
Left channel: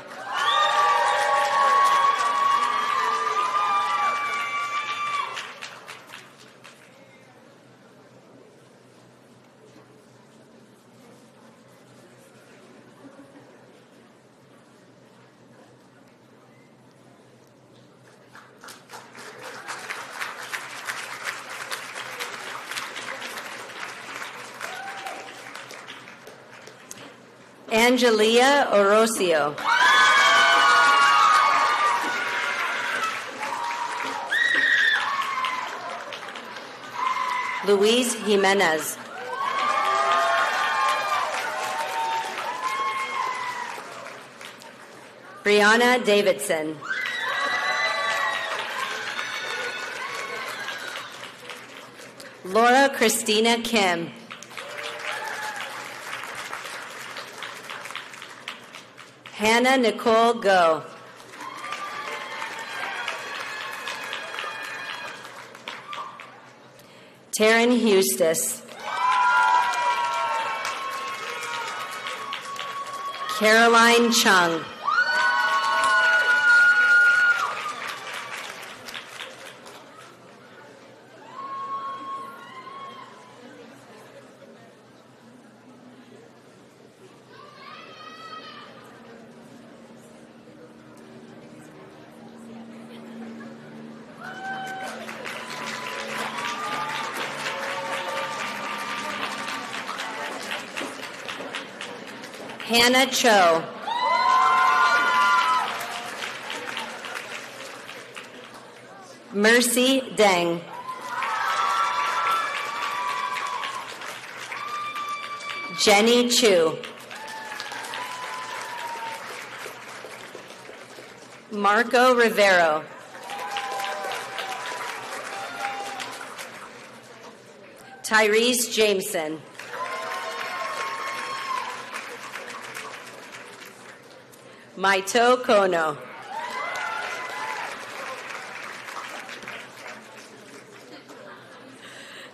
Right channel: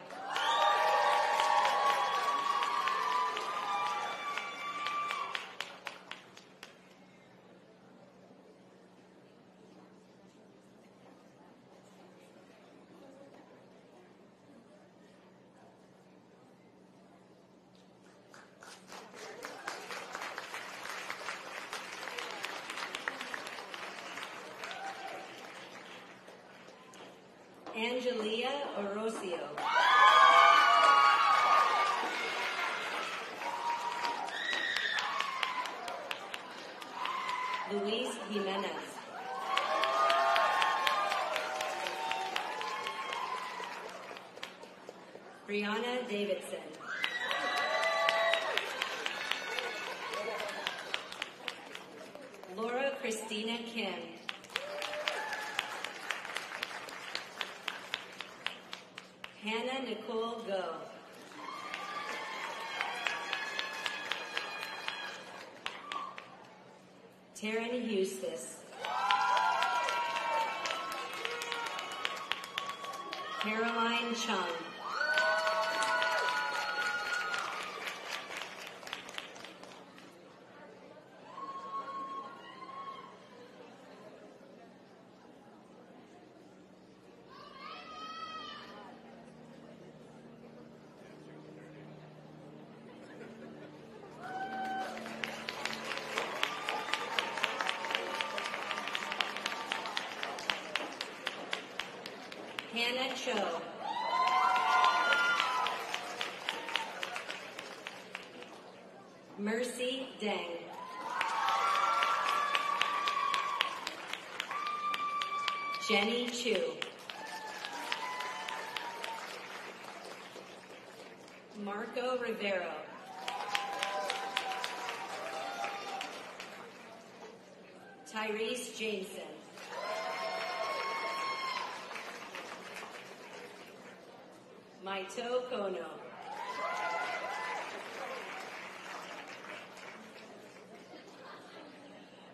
Angelia Orosio. Luis Jimenez. Brianna Davidson. Laura Christina Kim. Hannah Nicole Go. Taryn Hustis. Caroline Chung. Hannah Cho. Mercy Deng. Jenny Chu. Marco Rivero. Tyrese Jameson. Maito Kono.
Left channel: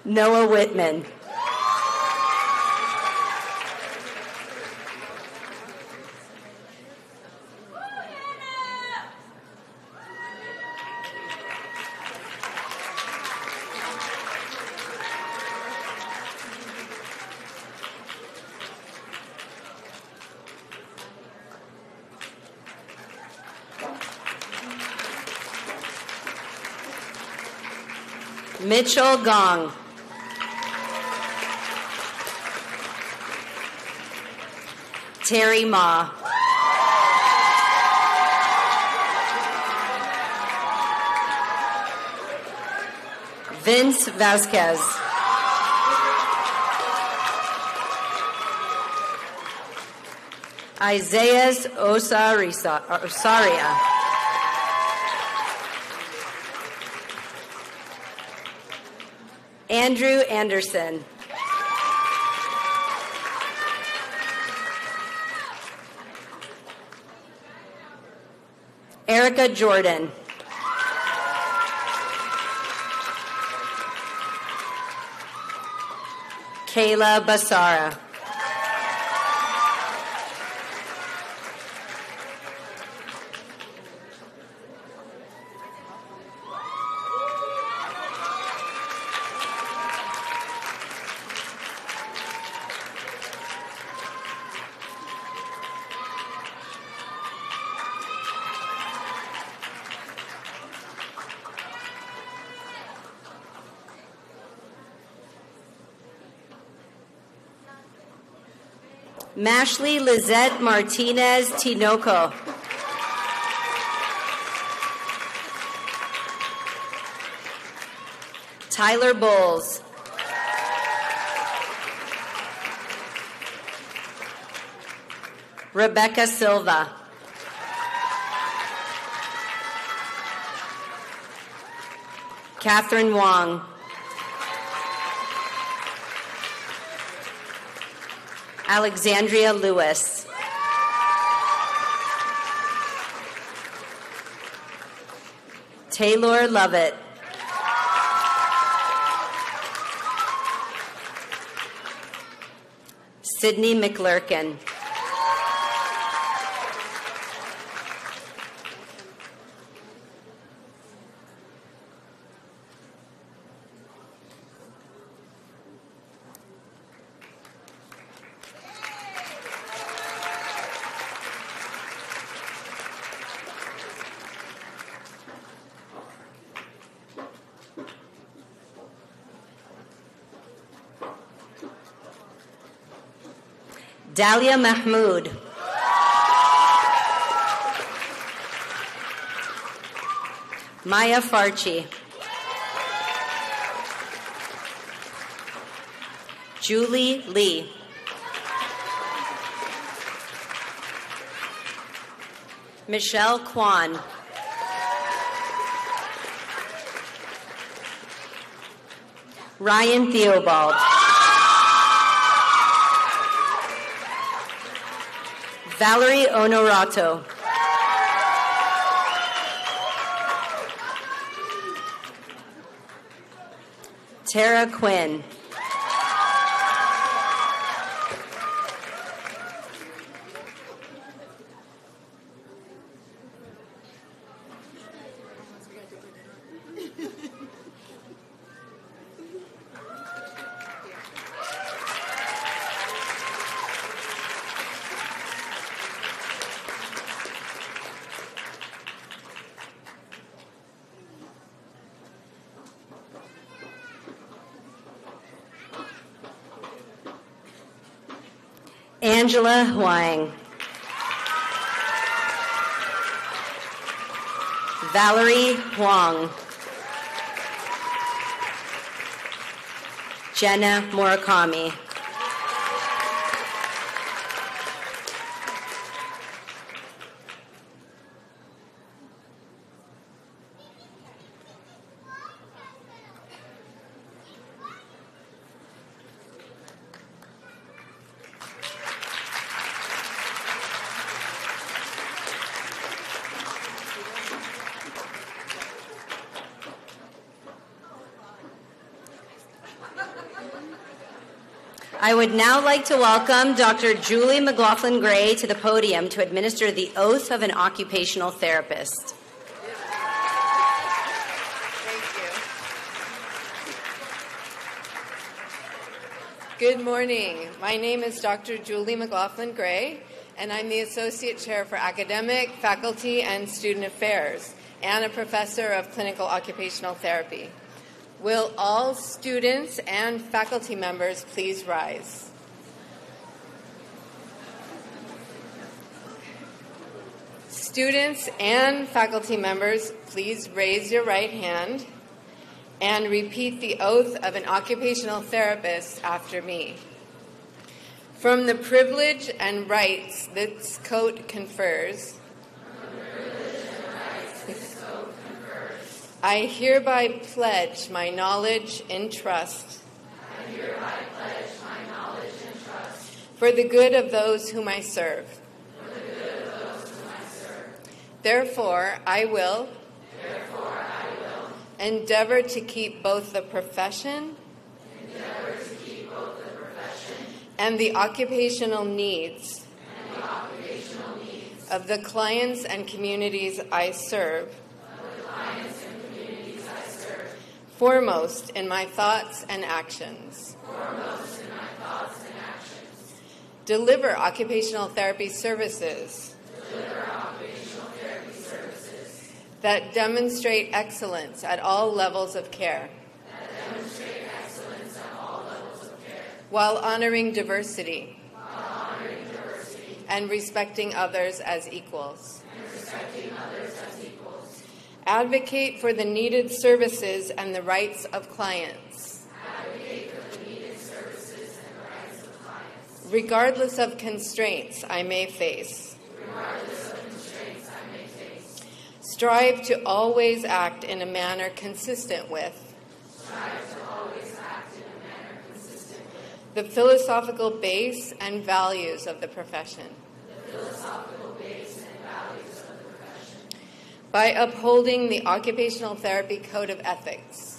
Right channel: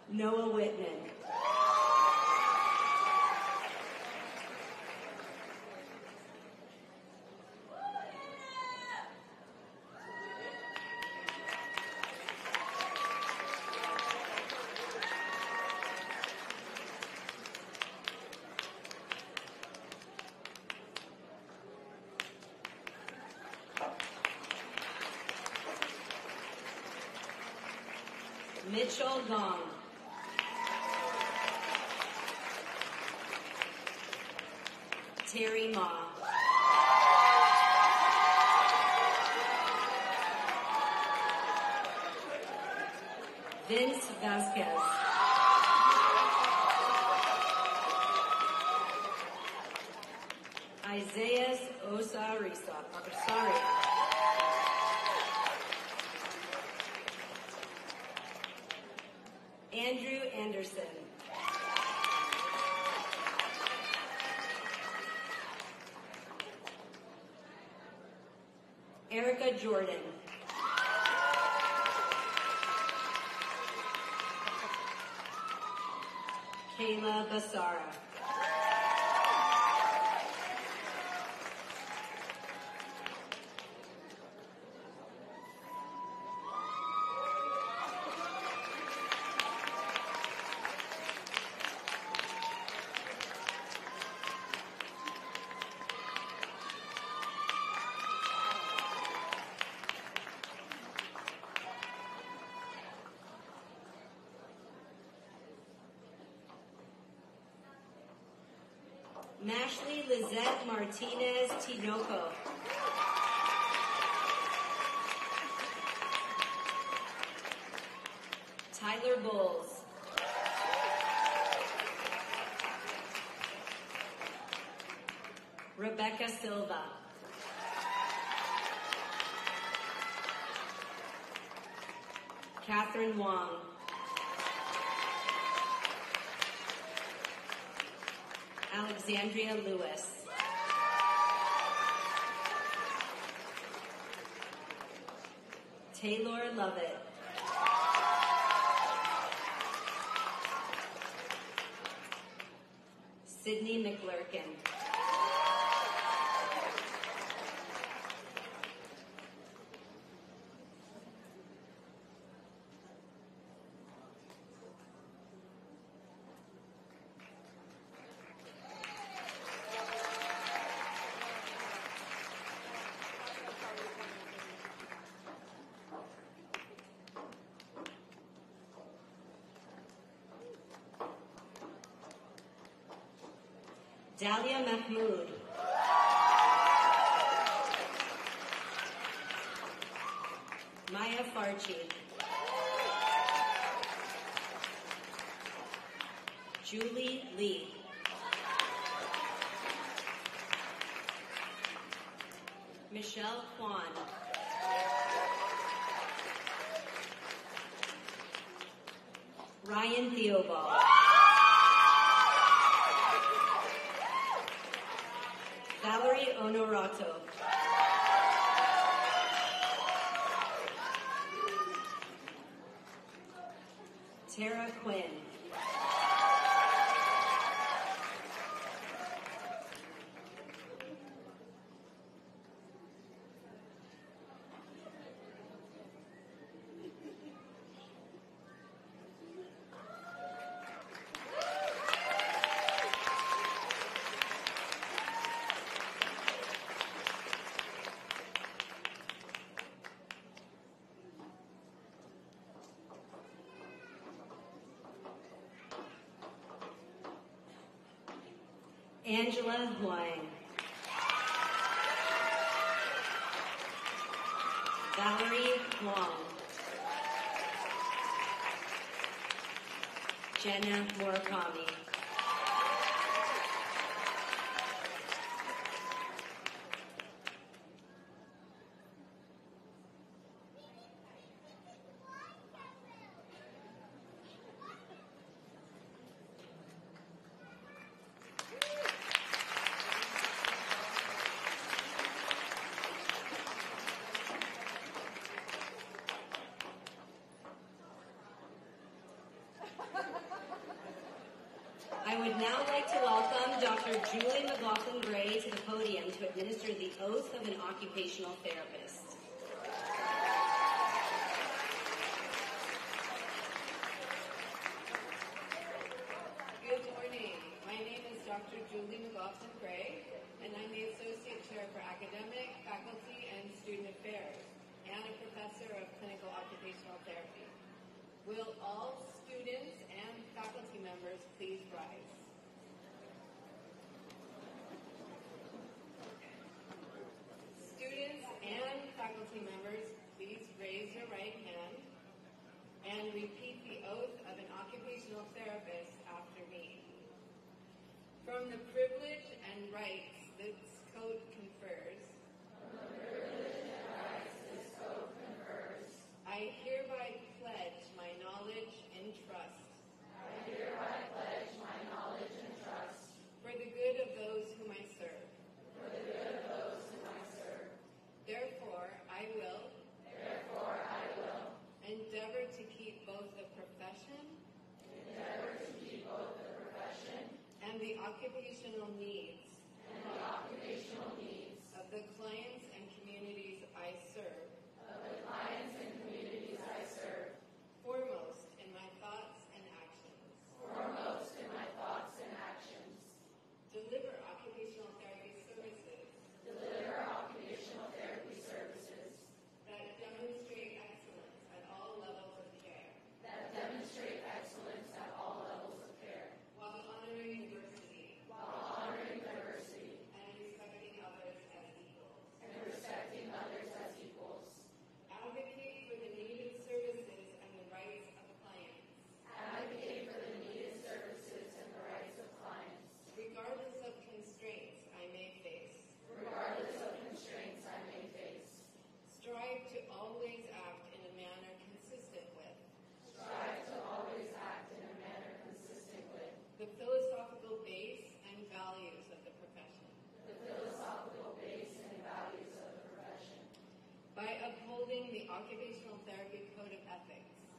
Noah Whitman. Mitchell Gong. Terry Ma. Vince Vasquez. Isaiah Osaria. Andrew Anderson. Erica Jordan. Kayla Basara. Mashley Lizette Martinez Tinoco. Tyler Bowles. Rebecca Silva. Catherine Wong. Alexandria Lewis. Taylor Lovett. Sydney McLurkin. Dalia Mahmood. Maya Farchi. Julie Lee. Michelle Kwan. Ryan Theobald. Valerie Onorato. Tara Quinn. Angela Huang. Valerie Huang. Jenna Murakami. I would now like to welcome Dr. Julie McLaughlin-Gray to the podium to administer the oath of an occupational therapist. Good morning. My name is Dr. Julie McLaughlin-Gray, and I'm the Associate Chair for Academic, Faculty, and Student Affairs, and a Professor of Clinical Occupational Therapy. Will all students and faculty members please rise? Students and faculty members, please raise your right hand and repeat the oath of an occupational therapist after me. From the privilege and rights this code confers, I hereby pledge my knowledge and trust for the good of those whom I serve. Therefore, I will endeavor to keep both the profession and the occupational needs of the clients and communities I serve foremost in my thoughts and actions. Deliver occupational therapy services that demonstrate excellence at all levels of care, while honoring diversity and respecting others as equals. Advocate for the needed services and the rights of clients. Regardless of constraints I may face. Strive to always act in a manner consistent with the philosophical base and values of the profession. By upholding the Occupational Therapy Code of Ethics.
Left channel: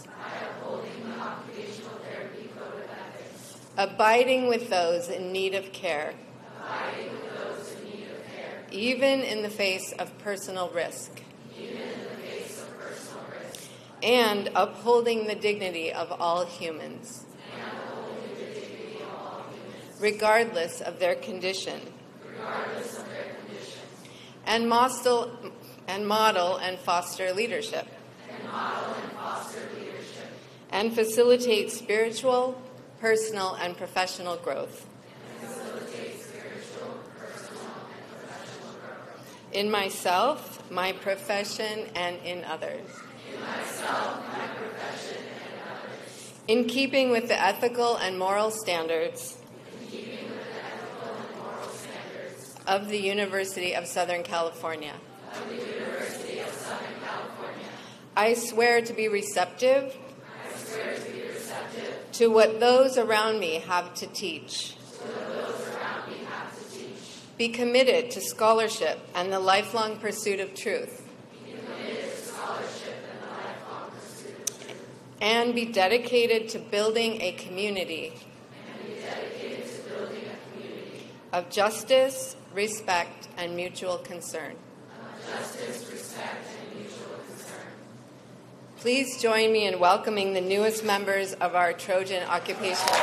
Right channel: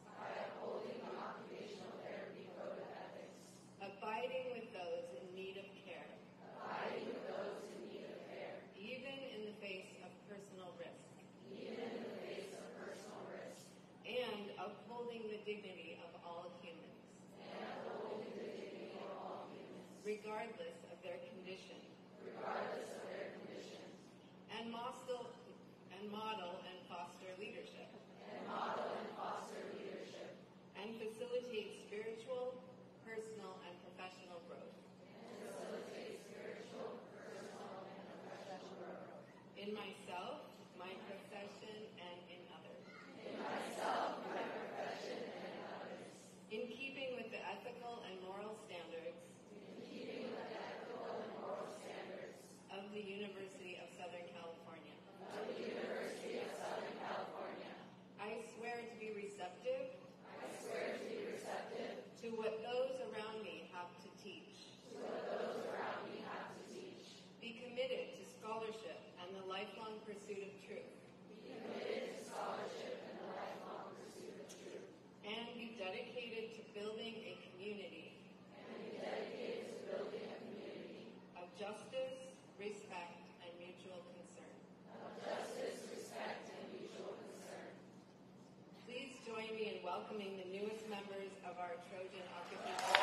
Abiding with those in need of care. Even in the face of personal risk. And upholding the dignity of all humans. Regardless of their condition. And model and foster leadership. And facilitate spiritual, personal, and professional growth. In myself, my profession, and in others. In keeping with the ethical and moral standards of the University of Southern California. I swear to be receptive to what those around me have to teach. Be committed to scholarship and the lifelong pursuit of truth. And be dedicated to building a community of justice, respect, and mutual concern. Please join me in welcoming the newest members of our Trojan Occupational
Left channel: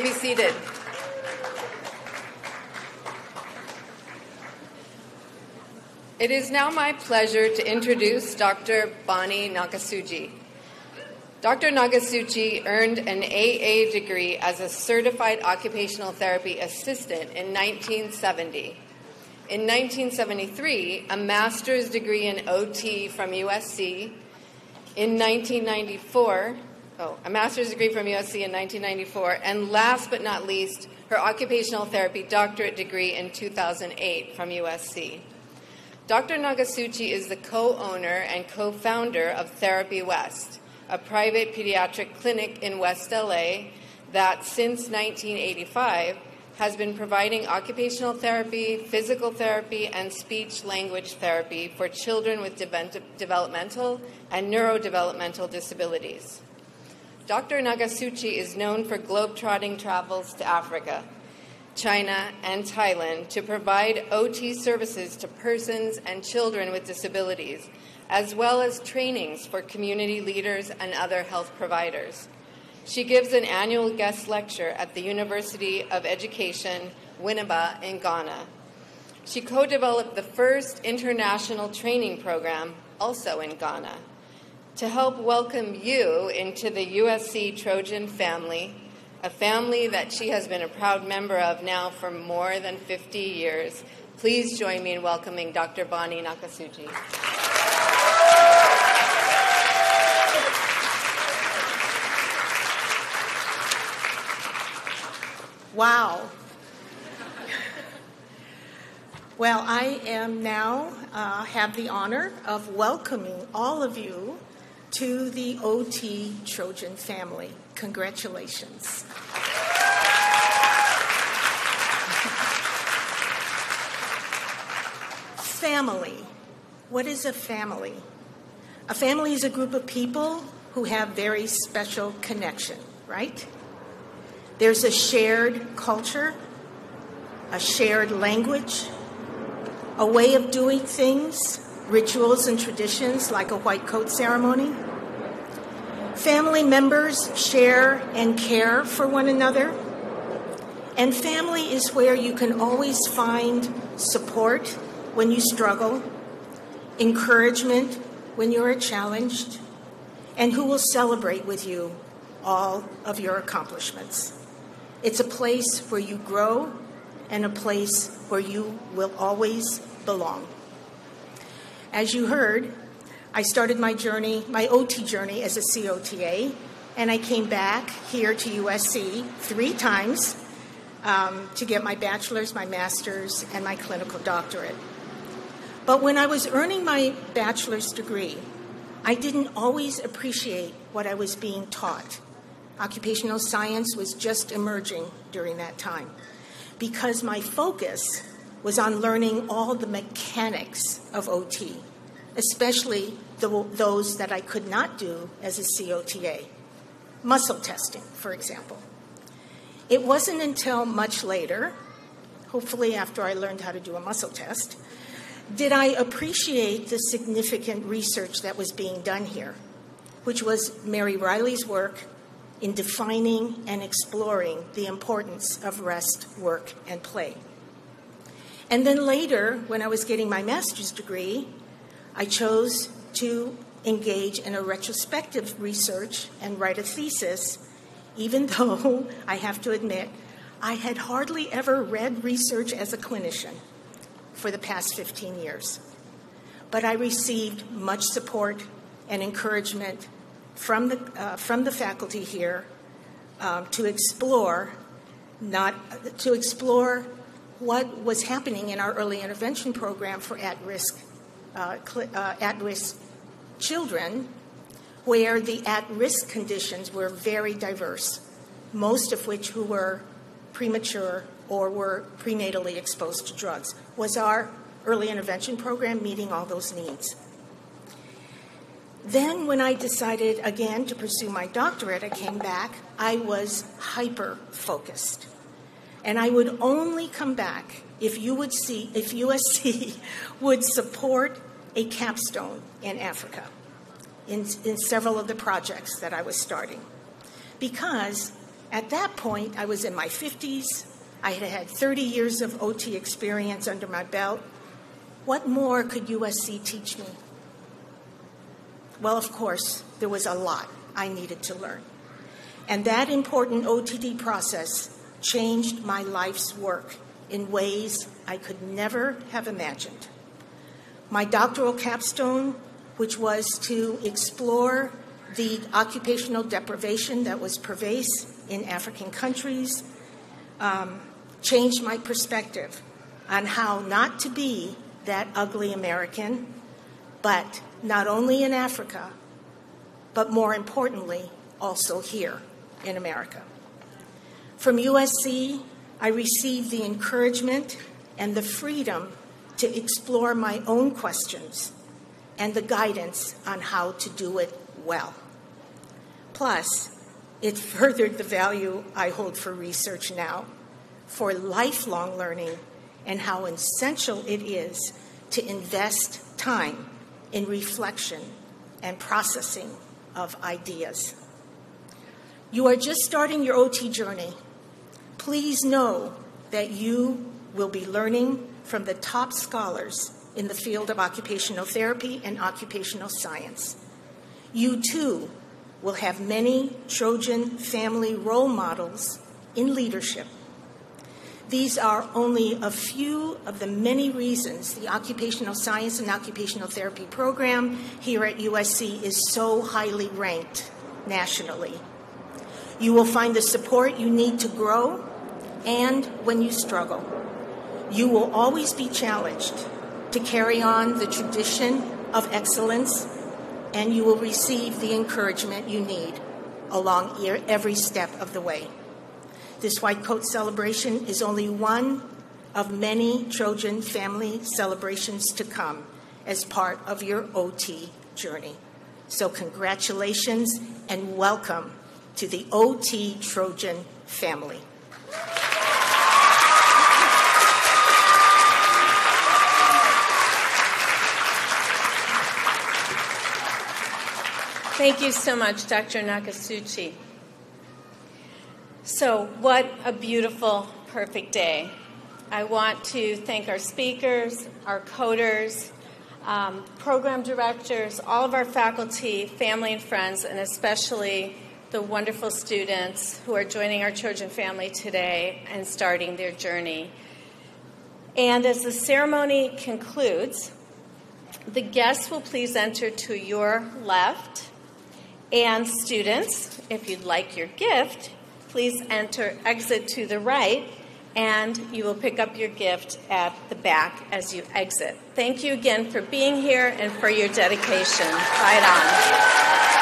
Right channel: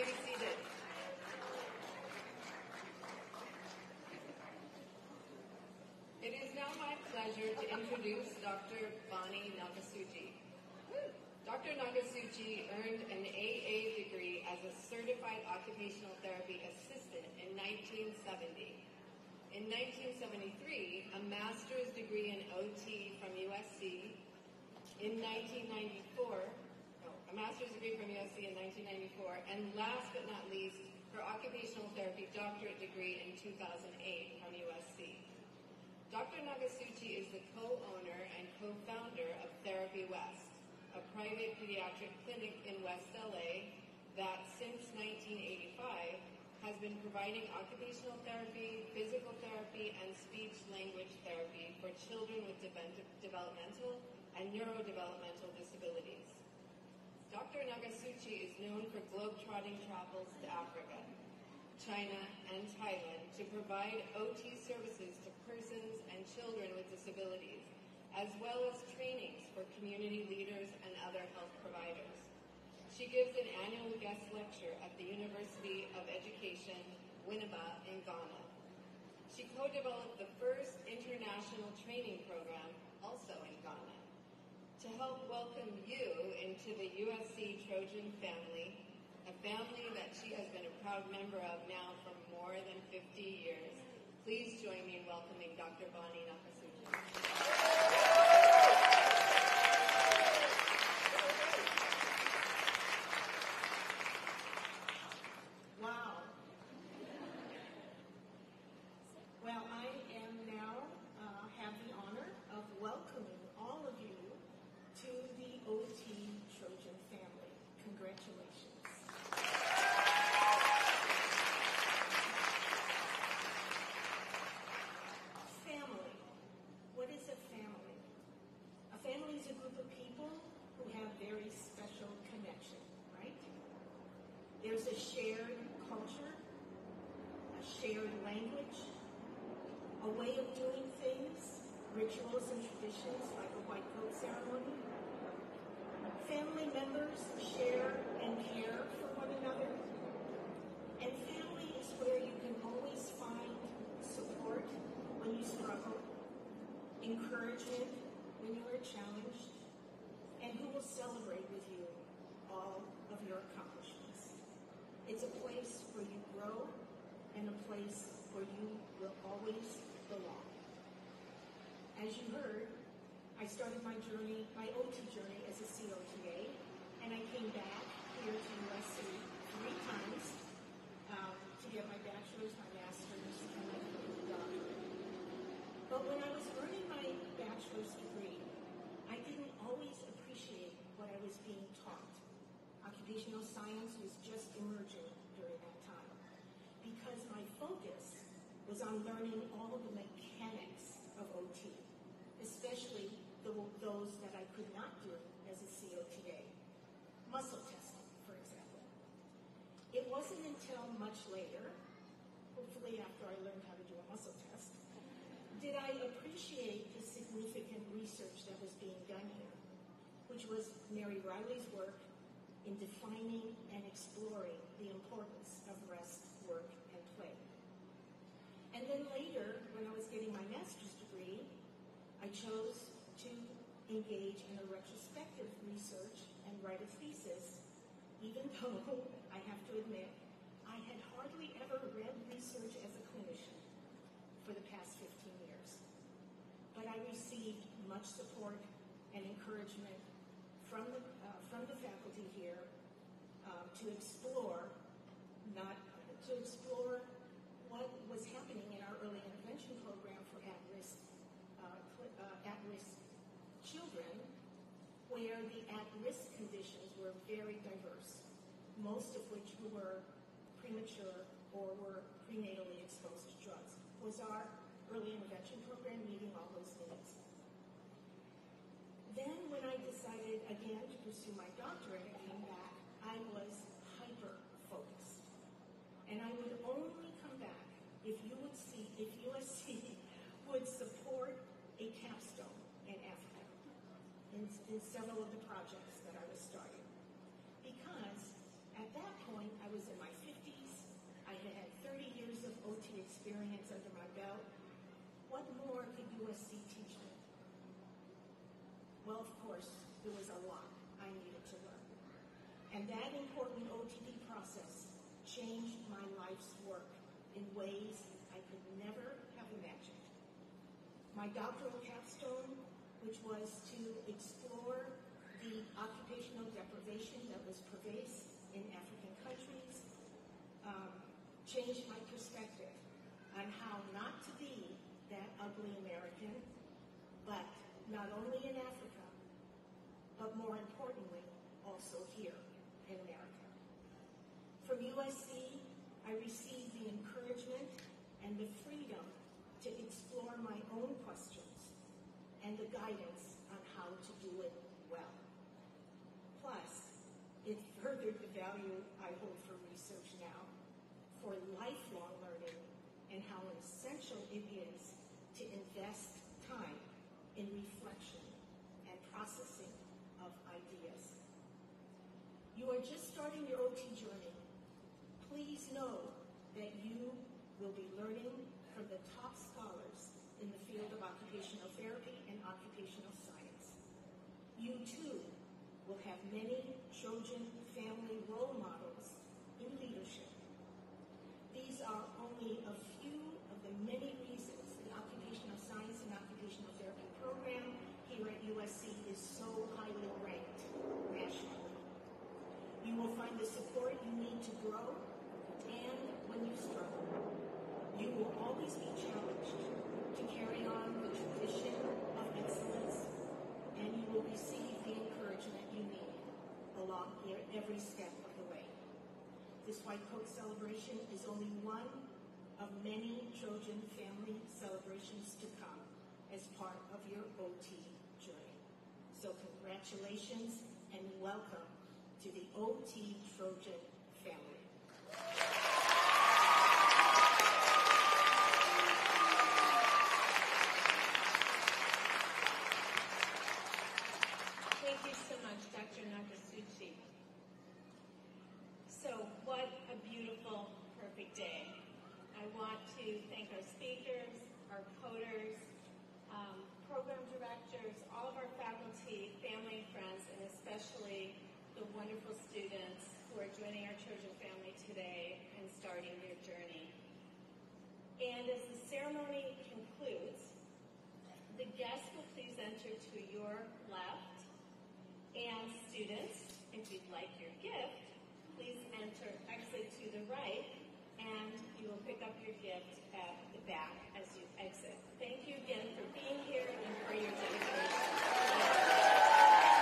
may be seated. It is now my pleasure to introduce Dr. Bonnie Nakasuji. Dr. Nakasuji earned an AA degree as a certified occupational therapy assistant in 1970. In 1973, a master's degree in OT from USC. In 1994, a master's degree from USC in 1994, and last but not least, her occupational therapy doctorate degree in 2008 from USC. Dr. Nakasuji is the co-owner and co-founder of Therapy West, a private pediatric clinic in West LA that since 1985 has been providing occupational therapy, physical therapy, and speech-language therapy for children with developmental and neurodevelopmental disabilities. Dr. Nakasuji is known for globetrotting travels to Africa, China, and Thailand to provide OT services to persons and children with disabilities, as well as trainings for community leaders and other health providers. She gives an annual guest lecture at the University of Education, Winneba in Ghana. She co-developed the first international training program, also in Ghana. To help welcome you into the USC Trojan family, a family that she has been a proud member of now for more than 50 years, please join me in welcoming Dr. Bonnie Nakasuji. Wow. Well, I am now have the honor of welcoming all of you to the OT Trojan family. Congratulations. Family. What is a family? A family is a group of people who have very special connection, right? There's a shared culture, a shared language, a way of doing things, rituals and traditions like a white coat ceremony. Family members share and care for one another. And family is where you can always find support when you struggle, encouragement when you are challenged, and who will celebrate with you all of your accomplishments. It's a place where you grow and a place where you will always belong. As you heard, I started my journey, my OT journey as a COTA, and I came back here to USC 3 times to get my bachelor's, my master's, and my clinical doctorate. But when I was earning my bachelor's degree, I didn't always appreciate what I was being taught. Occupational science was just emerging during that time because my focus was on learning all the mechanics of OT, especially those that I could not do as a COTA. Muscle testing, for example. It wasn't until much later, hopefully after I learned how to do a muscle test, did I appreciate the significant research that was being done here, which was Mary Riley's work in defining and exploring the importance of rest, work, and play. And then later, when I was getting my master's degree, I chose to engage in a retrospective research and write a thesis, even though I have to admit, I had hardly ever read research as a clinician for the past 15 years. But I received much support and encouragement from the faculty here to explore what was happening in our early intervention program for at-risk children, where the at-risk conditions were very diverse, most of which who were premature or were prenatally exposed to drugs. Was our early intervention program meeting all those needs? Then when I decided again to pursue my doctorate, I came back, I was hyper-focused. And I would only come back if USC would support a capstone in Africa in several of the projects that I was starting. Because At that point, I was in my 50s. I had had 30 years of OT experience under my belt. What more could USC teach me? Well, of course, there was a lot I needed to learn. And that important OTD process changed my life's work in ways I could never have imagined. My doctoral capstone, which was to explore the occupational deprivation that was pervasive in African countries, changed my perspective on how not to be that ugly American, but not only in Africa, but more importantly, also here in America. From USC, I received the encouragement and the freedom to explore my own questions and the guidance on how to do it well. Plus, it furthered the value I hold for research now, for lifelong learning, and how essential it is to invest time in reflection and processing of ideas. You are just starting your OT journey. Please know that you will be learning from the top scholars in the field of occupational therapy and occupational science. You, too, will have many Trojan family role models in leadership. These are only a few of the many reasons the Occupational Science and Occupational Therapy program here at USC is so highly ranked nationally. You will find the support you need to grow, and when you struggle, you will always be challenged to carry on the tradition of excellence, and you will receive the encouragement you need along every step of the way. This White Coat celebration is only one of many Trojan family celebrations to come as part of your OT journey. So congratulations and welcome to the OT Trojan family. Thank you so much, Dr. Nakasuchi. So, what a beautiful, perfect day. I want to thank our speakers, our coders, program directors, all of our faculty, family and friends, and especially the wonderful students who are joining our Trojan family today and starting their journey. And as the ceremony concludes, the guests will please enter to your left. And students, if you'd like your gift, please exit to the right, and you will pick up your gift at the back as you exit. Thank you again for being here and for your dedication. Right on.